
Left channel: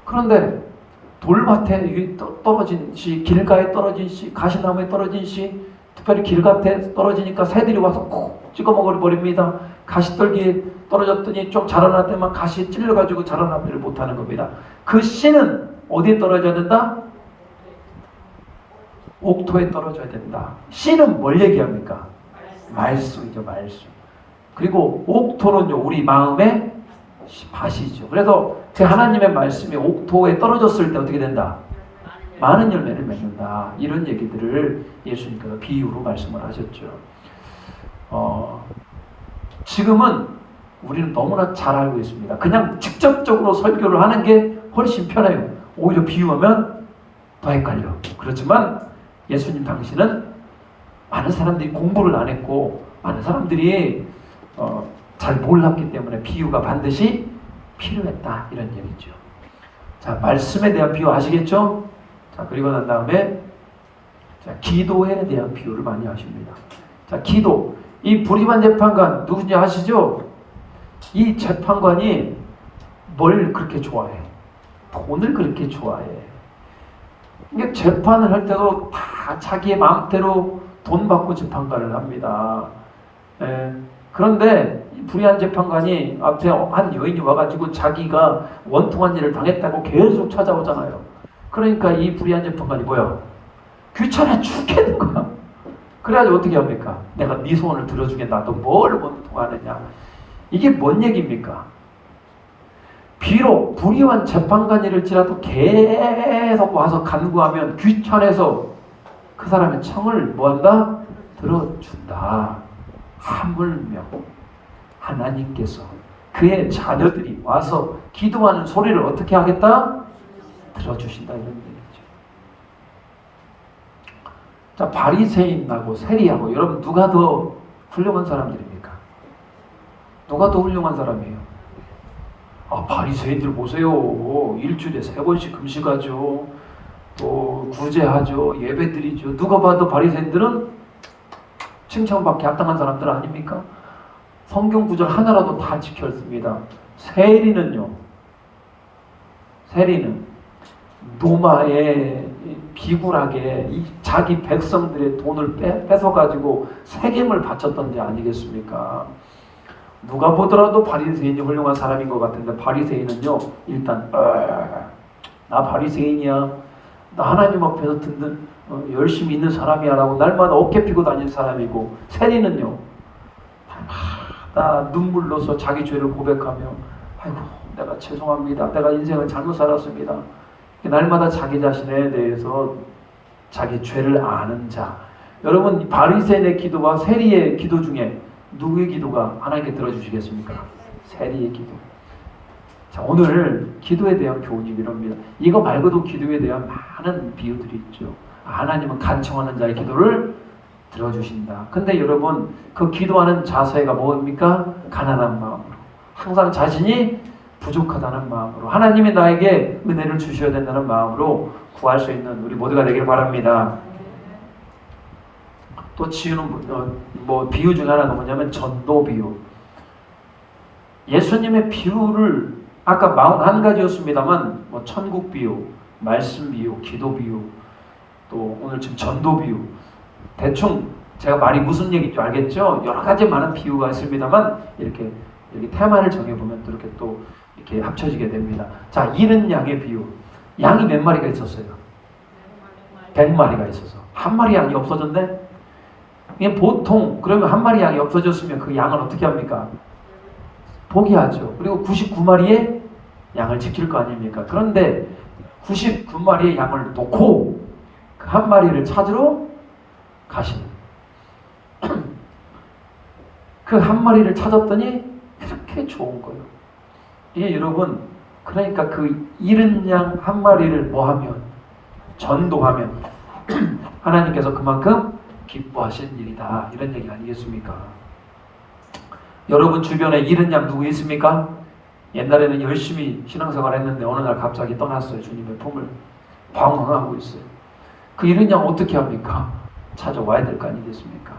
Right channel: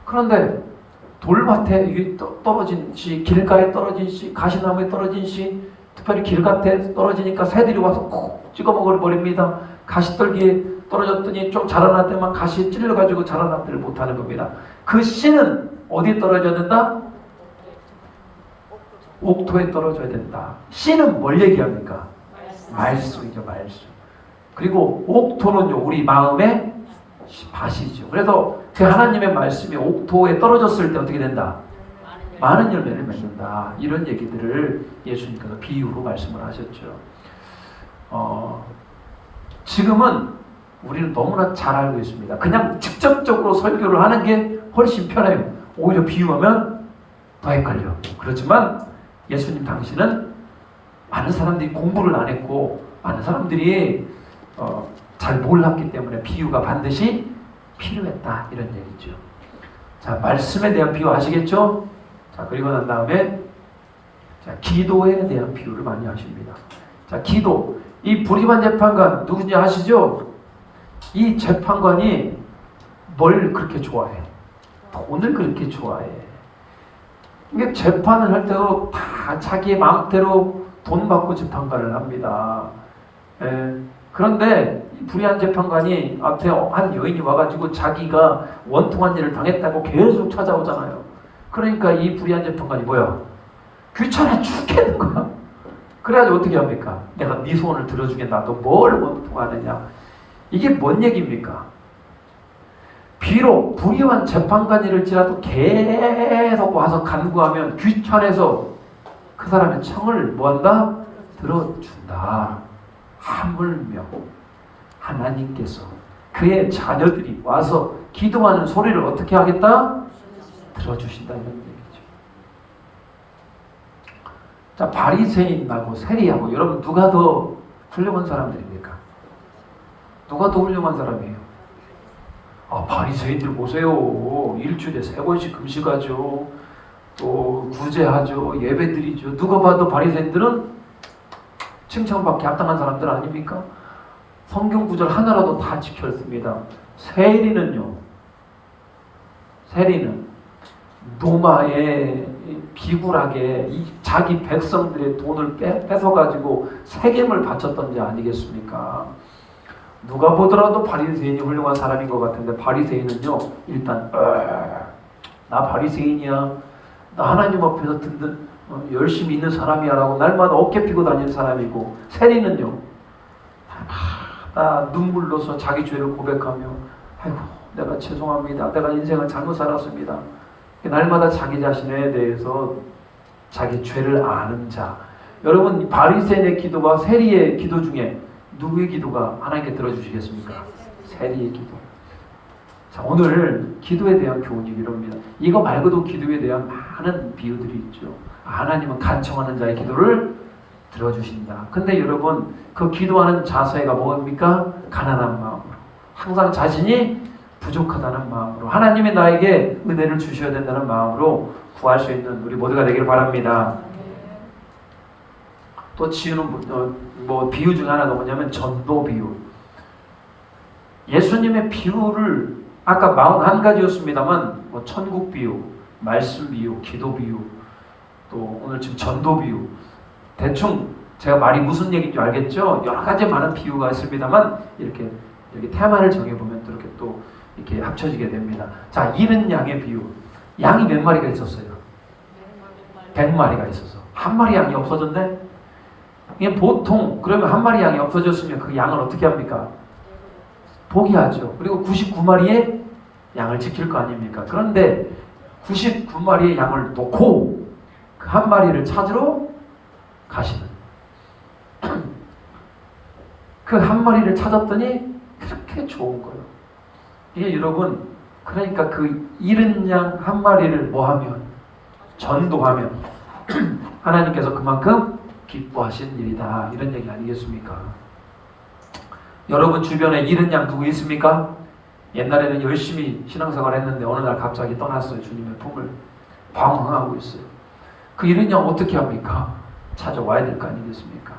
그런데 돌밭에 떨어진 씨, 길가에 떨어진 씨, 가시나무에 떨어진 씨, 특별히 길밭에 떨어지니까 새들이 와서 콕 찍어 먹어버립니다. 가시떨기에 떨어졌더니 좀 자라났더니만 가시에 찔려가지고 자라나지를 못하는 겁니다. 그 씨는 어디에 떨어져야 된다? 옥토에 떨어져야 된다. 씨는 뭘 얘기합니까? 말씀이죠, 말씀. 그리고 옥토는요, 우리 마음의 밭이죠. 그래서 그 하나님의 말씀이 옥토에 떨어졌을 때 어떻게 된다? 많은 열매를 맺는다. 이런 얘기들을 예수님께서 비유로 말씀을 하셨죠. 지금은 우리는 너무나 잘 알고 있습니다. 그냥 직접적으로 설교를 하는 게 훨씬 편해요. 오히려 비유하면 더 헷갈려요. 그렇지만 예수님 당시는 많은 사람들이 공부를 안 했고 많은 사람들이 잘 몰랐기 때문에 비유가 반드시 필요했다 이런 얘기죠. 자, 말씀에 대한 비유 아시겠죠? 자, 그리고 난 다음에 자, 기도에 대한 비유를 많이 하십니다. 자, 기도. 이 불의한 재판관 누군지 아시죠? 이 재판관이 뭘 그렇게 좋아해? 돈을 그렇게 좋아해. 이게 재판을 할 때도 다 자기의 마음대로 돈 받고 재판관을 합니다. 그런데 이 불의한 재판관이 앞에 한 여인이 와가지고 자기가 원통한 일을 당했다고 계속 찾아오잖아요. 그러니까 이 불의한 재판관이 뭐야? 귀찮아 죽겠는 거야. 그래가지고 어떻게 합니까? 내가 네 소원을 들어주겠다. 너 뭘 원통하느냐? 이게 뭔 얘기입니까? 비록 불의한 재판관일지라도 계속 와서 간구하면 귀찮아서 그 사람의 청을 뭐한다? 들어준다. 하물며 하나님께서 그의 자녀들이 와서 기도하는 소리를 어떻게 하겠다? 들어주신다 이런 얘기죠. 자, 바리새인하고 세리하고 여러분 누가 더 훌륭한 사람들입니까? 누가 더 훌륭한 사람이에요? 바리새인들 보세요. 일주일에 3번씩 금식하죠. 또 구제하죠. 예배드리죠. 누가 봐도 바리새인들은 칭찬받기 합당한 사람들 아닙니까? 성경 구절 하나라도 다 지켰습니다. 세리는 노마에 비굴하게 자기 백성들의 돈을 뺏어가지고 세금을 바쳤던 게 아니겠습니까? 누가 보더라도 바리새인이 훌륭한 사람인 것 같은데 바리새인은요 일단 나 바리새인이야, 나 하나님 앞에서 든든 열심히 있는 사람이야 라고 날마다 어깨 피고 다니는 사람이고, 세리는요 나 눈물 넣어서 자기 죄를 고백하며 아이고 내가 죄송합니다, 내가 인생을 잘못 살았습니다, 날마다 자기 자신에 대해서 자기 죄를 아는 자. 여러분 바리새인의 기도와 세리의 기도 중에 누구의 기도가 하나님께 들어주시겠습니까? 세리의 기도. 자, 오늘 기도에 대한 교훈이 이럽니다. 이거 말고도 기도에 대한 많은 비유들이 있죠. 하나님은 간청하는 자의 기도를 들어주신다. 근데 여러분 그 기도하는 자세가 뭡니까? 가난한 마음으로, 항상 자신이 부족하다는 마음으로, 하나님이 나에게 은혜를 주셔야 된다는 마음으로 구할 수 있는 우리 모두가 되길 바랍니다. 또 지우는 비유 중에 하나가 뭐냐면 전도 비유. 예수님의 비유를 아까 41가지였습니다만 천국 비유, 말씀 비유, 기도 비유, 또 오늘 지금 전도 비유, 대충 제가 말이 무슨 얘기인지 알겠죠? 여러 가지 많은 비유가 있습니다만 이렇게 테마를 정해보면 또 이렇게 또 이렇게 합쳐지게 됩니다. 자, 잃은 양의 비유. 양이 몇 마리가 있었어요? 100마리가 있어서 한 마리 양이 없어졌네? 이게 보통 그러면 한 마리 양이 없어졌으면 그 양을 어떻게 합니까? 포기하죠. 그리고 99마리의 양을 지킬 거 아닙니까? 그런데 99마리의 양을 놓고 그 한 마리를 찾으러 가시는, 그 한 마리를 찾았더니 그렇게 좋은 거예요. 이게 여러분 그러니까 그 잃은 양 한 마리를 뭐하면, 전도하면 하나님께서 그만큼 기뻐하신 일이다 이런 얘기 아니겠습니까? 여러분 주변에 잃은 양 누구 있습니까? 옛날에는 열심히 신앙생활 했는데 어느 날 갑자기 떠났어요. 주님의 품을 방황하고 있어요. 그 잃은 양 어떻게 합니까? 찾아와야 될 거 아니겠습니까?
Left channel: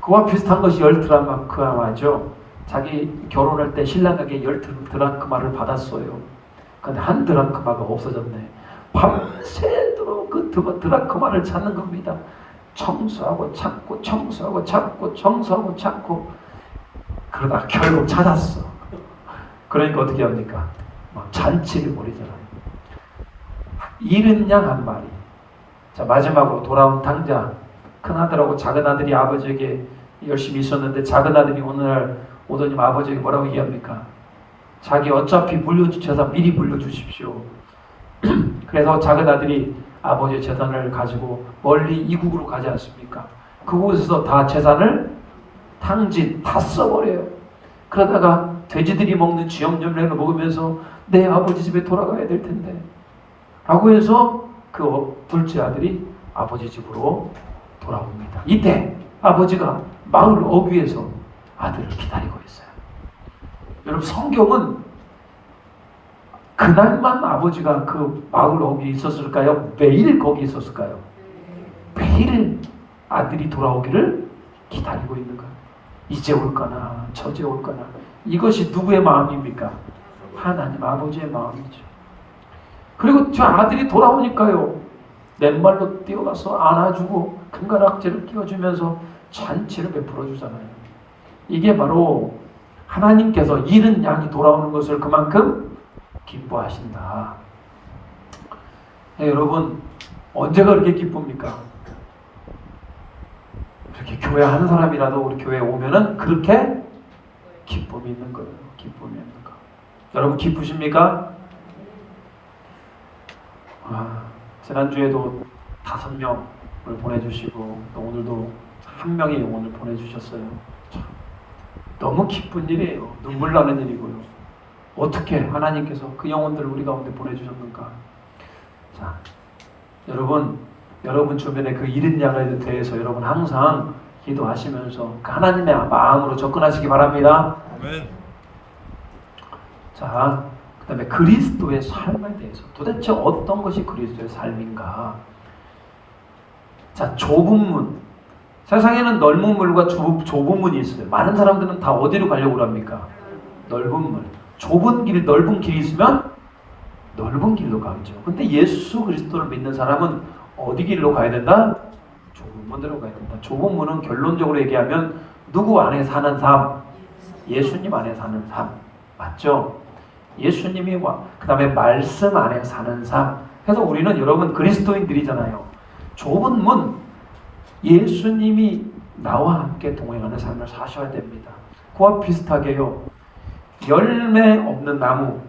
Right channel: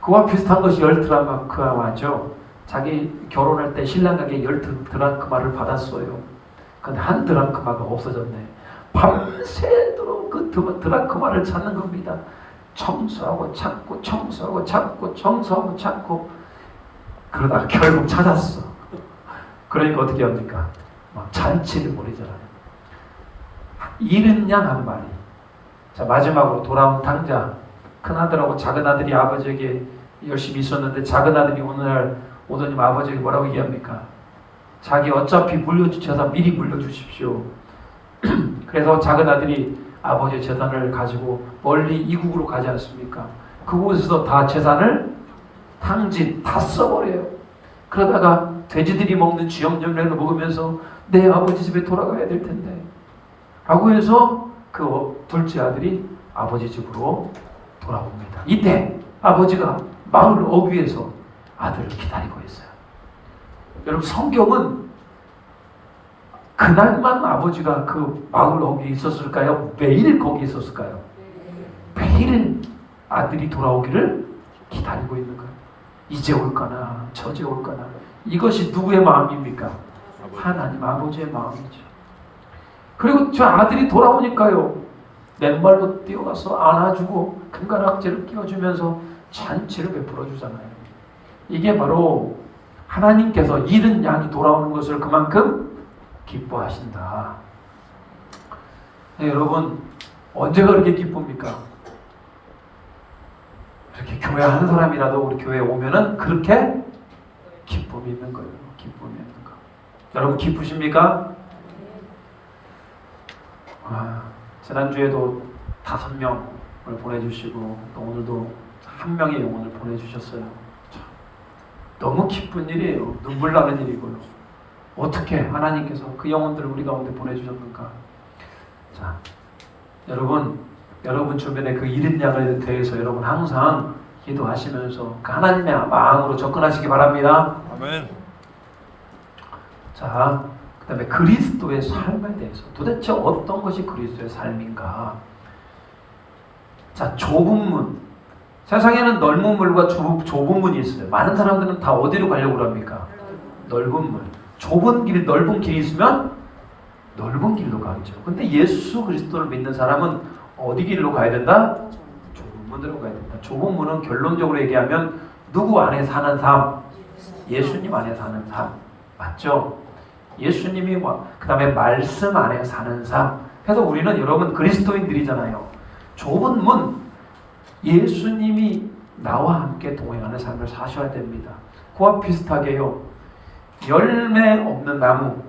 그와 비슷한 것이 10드라크마죠. 자기 결혼할 때 신랑에게 10드라크마를 받았어요. 근데 한 드라크마가 없어졌네. 밤새도록 그 드라크마를 찾는 겁니다. 청소하고 찾고 청소하고 찾고 청소하고 찾고 그러다 결국 찾았어. 그러니까 어떻게 합니까? 잔치를 벌이잖아. 잃은 양 한 마리. 자, 마지막으로 돌아온 당자. 큰아들하고 작은아들이 아버지에게 열심히 있었는데 작은아들이 어느 날 오더니 아버지에게 뭐라고 얘기합니까? 자기 어차피 물려줄 재산 미리 물려주십시오. 그래서 작은아들이 아버지의 재산을 가지고 멀리 이국으로 가지 않습니까? 그곳에서 다 재산을 탕진 다 써버려요. 그러다가 돼지들이 먹는 쥐염염래를 먹으면서 내 아버지 집에 돌아가야 될 텐데 라고 해서 그 둘째 아들이 아버지 집으로 돌아옵니다. 이때 아버지가 마을 어귀에서 아들을 기다리고 있어요. 여러분, 성경은 그날만 아버지가 그 마을 어귀에 있었을까요? 매일 거기 있었을까요? 매일 아들이 돌아오기를 기다리고 있는 거예요. 이제 올까나 저제 올까나. 이것이 누구의 마음입니까? 하나님 아버지의 마음이죠. 그리고 저 아들이 돌아오니까요, 맨발로 뛰어가서 안아주고 금가락지를 끼워주면서 잔치를 베풀어 주잖아요. 이게 바로 하나님께서 잃은 양이 돌아오는 것을 그만큼 기뻐하신다. 네, 여러분, 언제가 그렇게 기쁩니까? 이렇게 교회 한 사람이라도 우리 교회에 오면은 그렇게 기쁨이 있는 거예요. 기쁨이 있는 거. 여러분 기쁘십니까? 지난주에도 5명을 보내주시고 또 오늘도 1명의 영혼을 보내주셨어요. 참, 너무 기쁜 일이에요. 눈물 나는 일이고 어떻게 하나님께서 그 영혼들을 우리 가운데 보내주셨는가. 자, 여러분 주변에 그 잃은 양에 대해서 여러분 항상 기도하시면서 그 하나님의 마음으로 접근하시기 바랍니다. 아멘. 자, 그 다음에 그리스도의 삶에 대해서 도대체 어떤 것이 그리스도의 삶인가. 자, 좁은 문. 세상에는 넓은 문과 좁은 문이 있어요. 많은 사람들은 다 어디로 가려고 합니까? 넓은 문. 좁은 길, 넓은 길이 있으면 넓은 길로 가죠. 근데 예수 그리스도를 믿는 사람은 어디 길로 가야 된다? 좁은 문으로 가야 된다. 좁은 문은 결론적으로 얘기하면 누구 안에 사는 삶? 예수님 안에 사는 삶. 맞죠? 예수님이 그 다음에 말씀 안에 사는 삶. 그래서 우리는 여러분 그리스도인들이잖아요. 좁은 문, 예수님이 나와 함께 동행하는 삶을 사셔야 됩니다. 그와 비슷하게요, 열매 없는 나무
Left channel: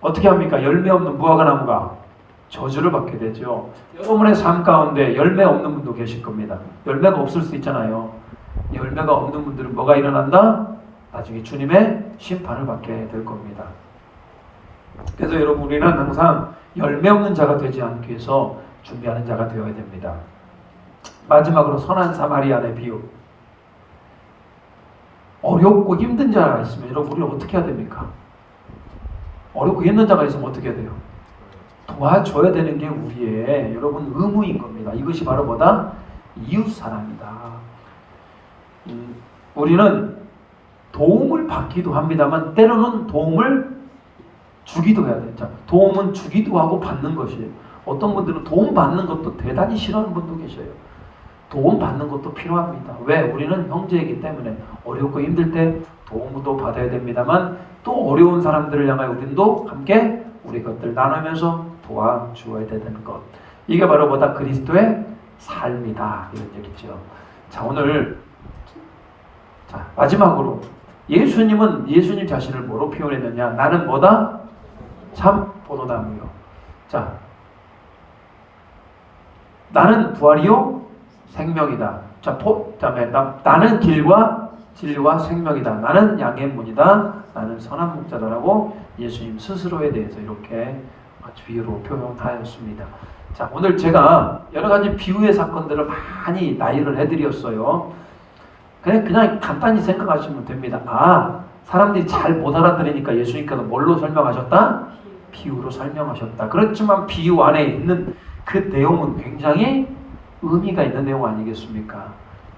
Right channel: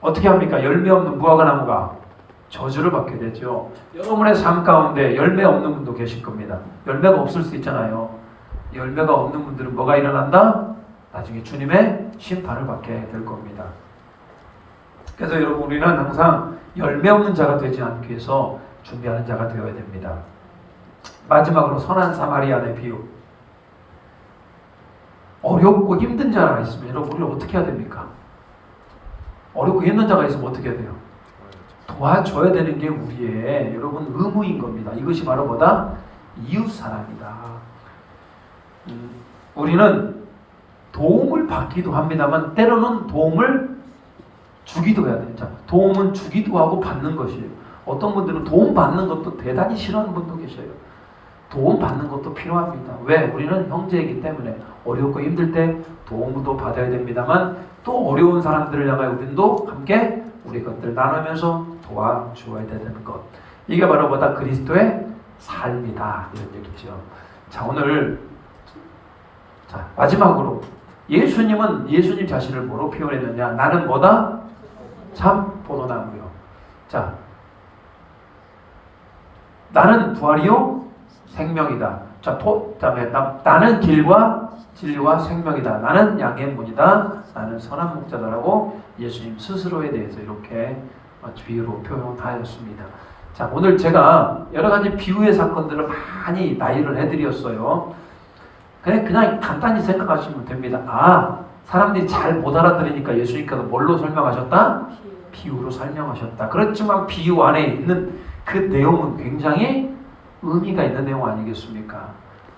어떻게 합니까? 열매 없는 무화과 나무가 저주를 받게 되죠. 여러분의 삶 가운데 열매 없는 분도 계실 겁니다. 열매가 없을 수 있잖아요. 열매가 없는 분들은 뭐가 일어난다? 나중에 주님의 심판을 받게 될 겁니다. 그래서 여러분, 우리는 항상 열매 없는 자가 되지 않기 위해서 준비하는 자가 되어야 됩니다. 마지막으로 선한 사마리아의 비유. 어렵고 힘든 자가 있으면 여러분, 우리 어떻게 해야 됩니까? 어렵고 힘든 자가 있으면 어떻게 해야 돼요? 도와줘야 되는 게 우리의 여러분 의무인 겁니다. 이것이 바로 뭐다? 이웃사랑이다. 우리는 도움을 받기도 합니다만 때로는 도움을 주기도 해야 돼요. 자, 도움은 주기도 하고 받는 것이에요. 어떤 분들은 도움 받는 것도 대단히 싫어하는 분도 계셔요. 도움 받는 것도 필요합니다. 왜? 우리는 형제이기 때문에 어렵고 힘들 때 도움도 받아야 됩니다만 또 어려운 사람들을 향해 우리도 함께 우리 것들 나누면서 도와주어야 되는 것. 이게 바로 뭐다? 그리스도의 삶이다. 이런 얘기죠. 자, 오늘 자, 마지막으로 예수님은 예수님 자신을 뭐로 표현했느냐? 나는 뭐다? 참 포도나무요. 자, 나는 부활이요 생명이다. 자, 다음에 나는 길과 진리와 생명이다. 나는 양의 문이다. 나는 선한 목자다라고 예수님 스스로에 대해서 이렇게 비유로 표현하였습니다. 자, 오늘 제가 여러 가지 비유의 사건들을 많이 나열을 해드렸어요. 그냥 간단히 생각하시면 됩니다. 아, 사람들이 잘 못 알아들으니까 예수님께서 뭘로 설명하셨다? 비유로 설명하셨다. 그렇지만 비유 안에 있는 그 내용은 굉장히 의미가 있는 내용 아니겠습니까?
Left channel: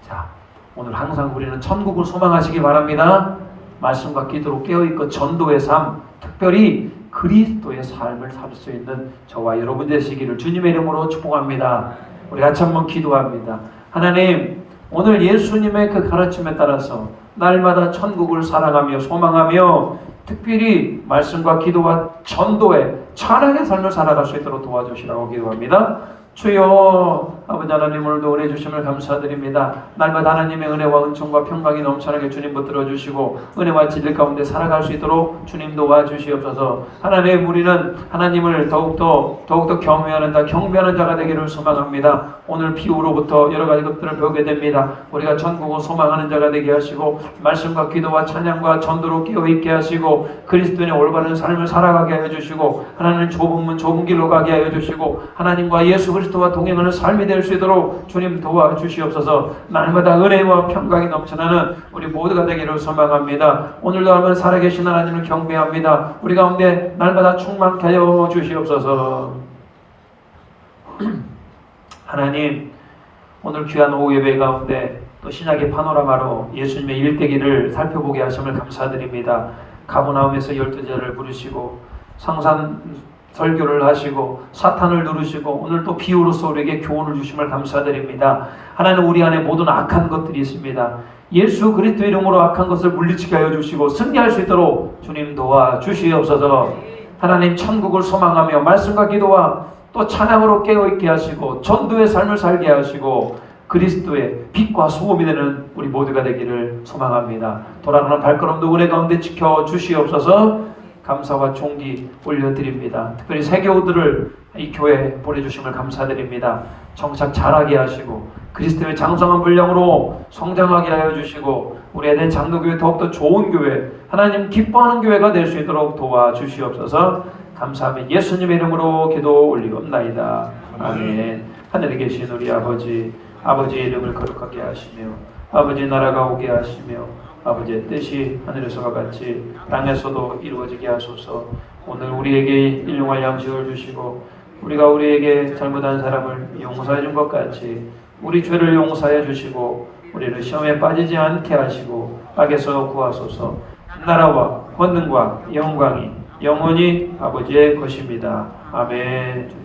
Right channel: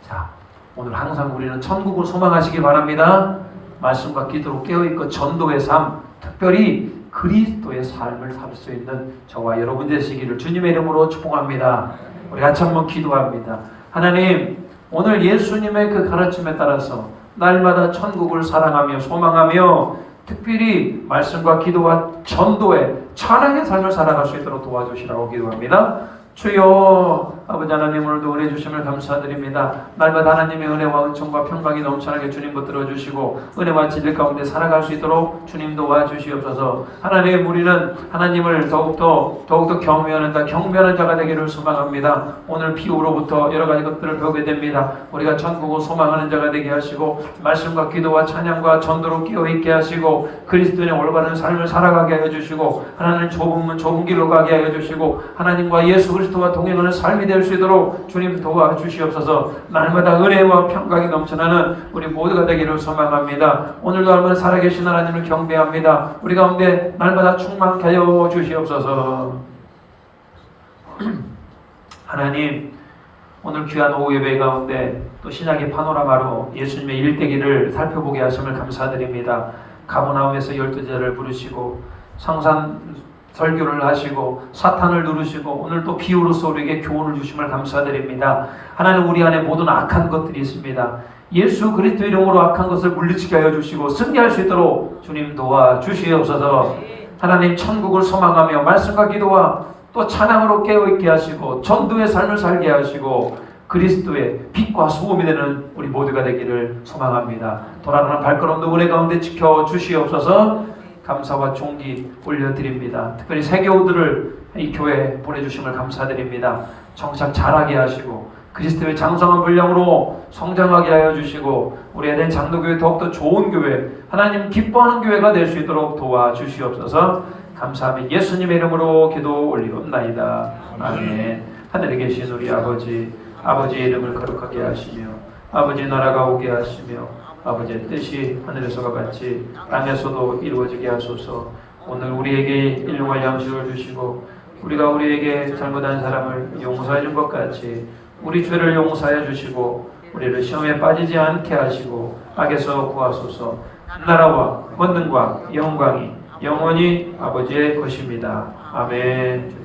자, 오늘 항상 우리는 천국을 소망하시기 바랍니다. 말씀과 기도로 깨어있고 전도의 삶, 특별히 그리스도의 삶을 살 수 있는 저와 여러분 되시기를 주님의 이름으로 축복합니다. 우리 같이 한번 기도합니다. 하나님, 오늘 예수님의 그 가르침에 따라서 날마다 천국을 사랑하며 소망하며 특별히 말씀과 기도와 전도의 찬양의 삶을 살아갈 수 있도록 도와주시라고 기도합니다. 주여, 아버지 하나님 오늘도 은혜 주심을 감사드립니다. 날마다 하나님의 은혜와 은총과 평강이 넘쳐나게 주님 붙들어 주시고 은혜와 진리 가운데 살아갈 수 있도록 주님 도와주시옵소서. 하나님 우리는 하나님을 더욱더 경배하는 자가 되기를 소망합니다. 오늘 비유로부터 여러 가지 것들을 배우게 됩니다. 우리가 천국을 소망하는 자가 되게 하시고 말씀과 기도와 찬양과 전도로 깨어있게 하시고 그리스도인의 올바른 삶을 살아가게 하여 주시고 하나님 좁은 문 좁은 길로 가게 하여 주시고 하나님과 예수 그리스도와 동행하는 삶이 될 수 있도록 주님 도와주시옵소서. 날마다 은혜와 평강이 넘쳐나는 우리 모두가 되기를 소망합니다. 오늘도 한번 살아계신 하나님을 경배합니다. 우리 가운데 날마다 충만케 하여 주시옵소서. 하나님 오늘 귀한 오후 예배 가운데 또 신약의 파노라마로 예수님의 일대기를 살펴보게 하심을 감사드립니다. 가버나움에서 12제자를 부르시고 성산 설교를 하시고 사탄을 누르시고 오늘 또 비유로서 우리에게 교훈을 주심을 감사드립니다. 하나님 우리 안에 모든 악한 것들이 있습니다. 예수 그리스도 이름으로 악한 것을 물리치게 하여 주시고 승리할 수 있도록 주님 도와주시옵소서. 하나님 천국을 소망하며 말씀과 기도와 또 찬양으로 깨어있게 하시고 전도의 삶을 살게 하시고 그리스도의 빛과 소금이 되는 우리 모두가 되기를 소망합니다. 돌아가는 발걸음도 은혜 가운데 지켜주시옵소서. 감사와 존귀 올려드립니다. 특별히 세교우들을 이 교회에 보내주심을 감사드립니다. 정착 잘하게 하시고 그리스도의 장성한 분량으로 성장하게 하여 주시고 우리 에덴 장로교회 더욱더 좋은 교회 하나님 기뻐하는 교회가 될 수 있도록 도와주시옵소서. 감사하며 예수님의 이름으로 기도 올리옵나이다. 아멘. 하늘에 계신 우리 아버지의 이름을 거룩하게 하시며 아버지의 나라가 오게 하시며 아버지의 뜻이 하늘에서와 같이 땅에서도 이루어지게 하소서. 오늘 우리에게 일용할 양식을 주시고 우리가 우리에게 잘못한 사람을 용서해 준 것 같이 우리 죄를 용서해 주시고 우리를 시험에 빠지지 않게 하시고 악에서 구하소서. 나라와 권능과 영광이 영원히 아버지의 것입니다. 아멘.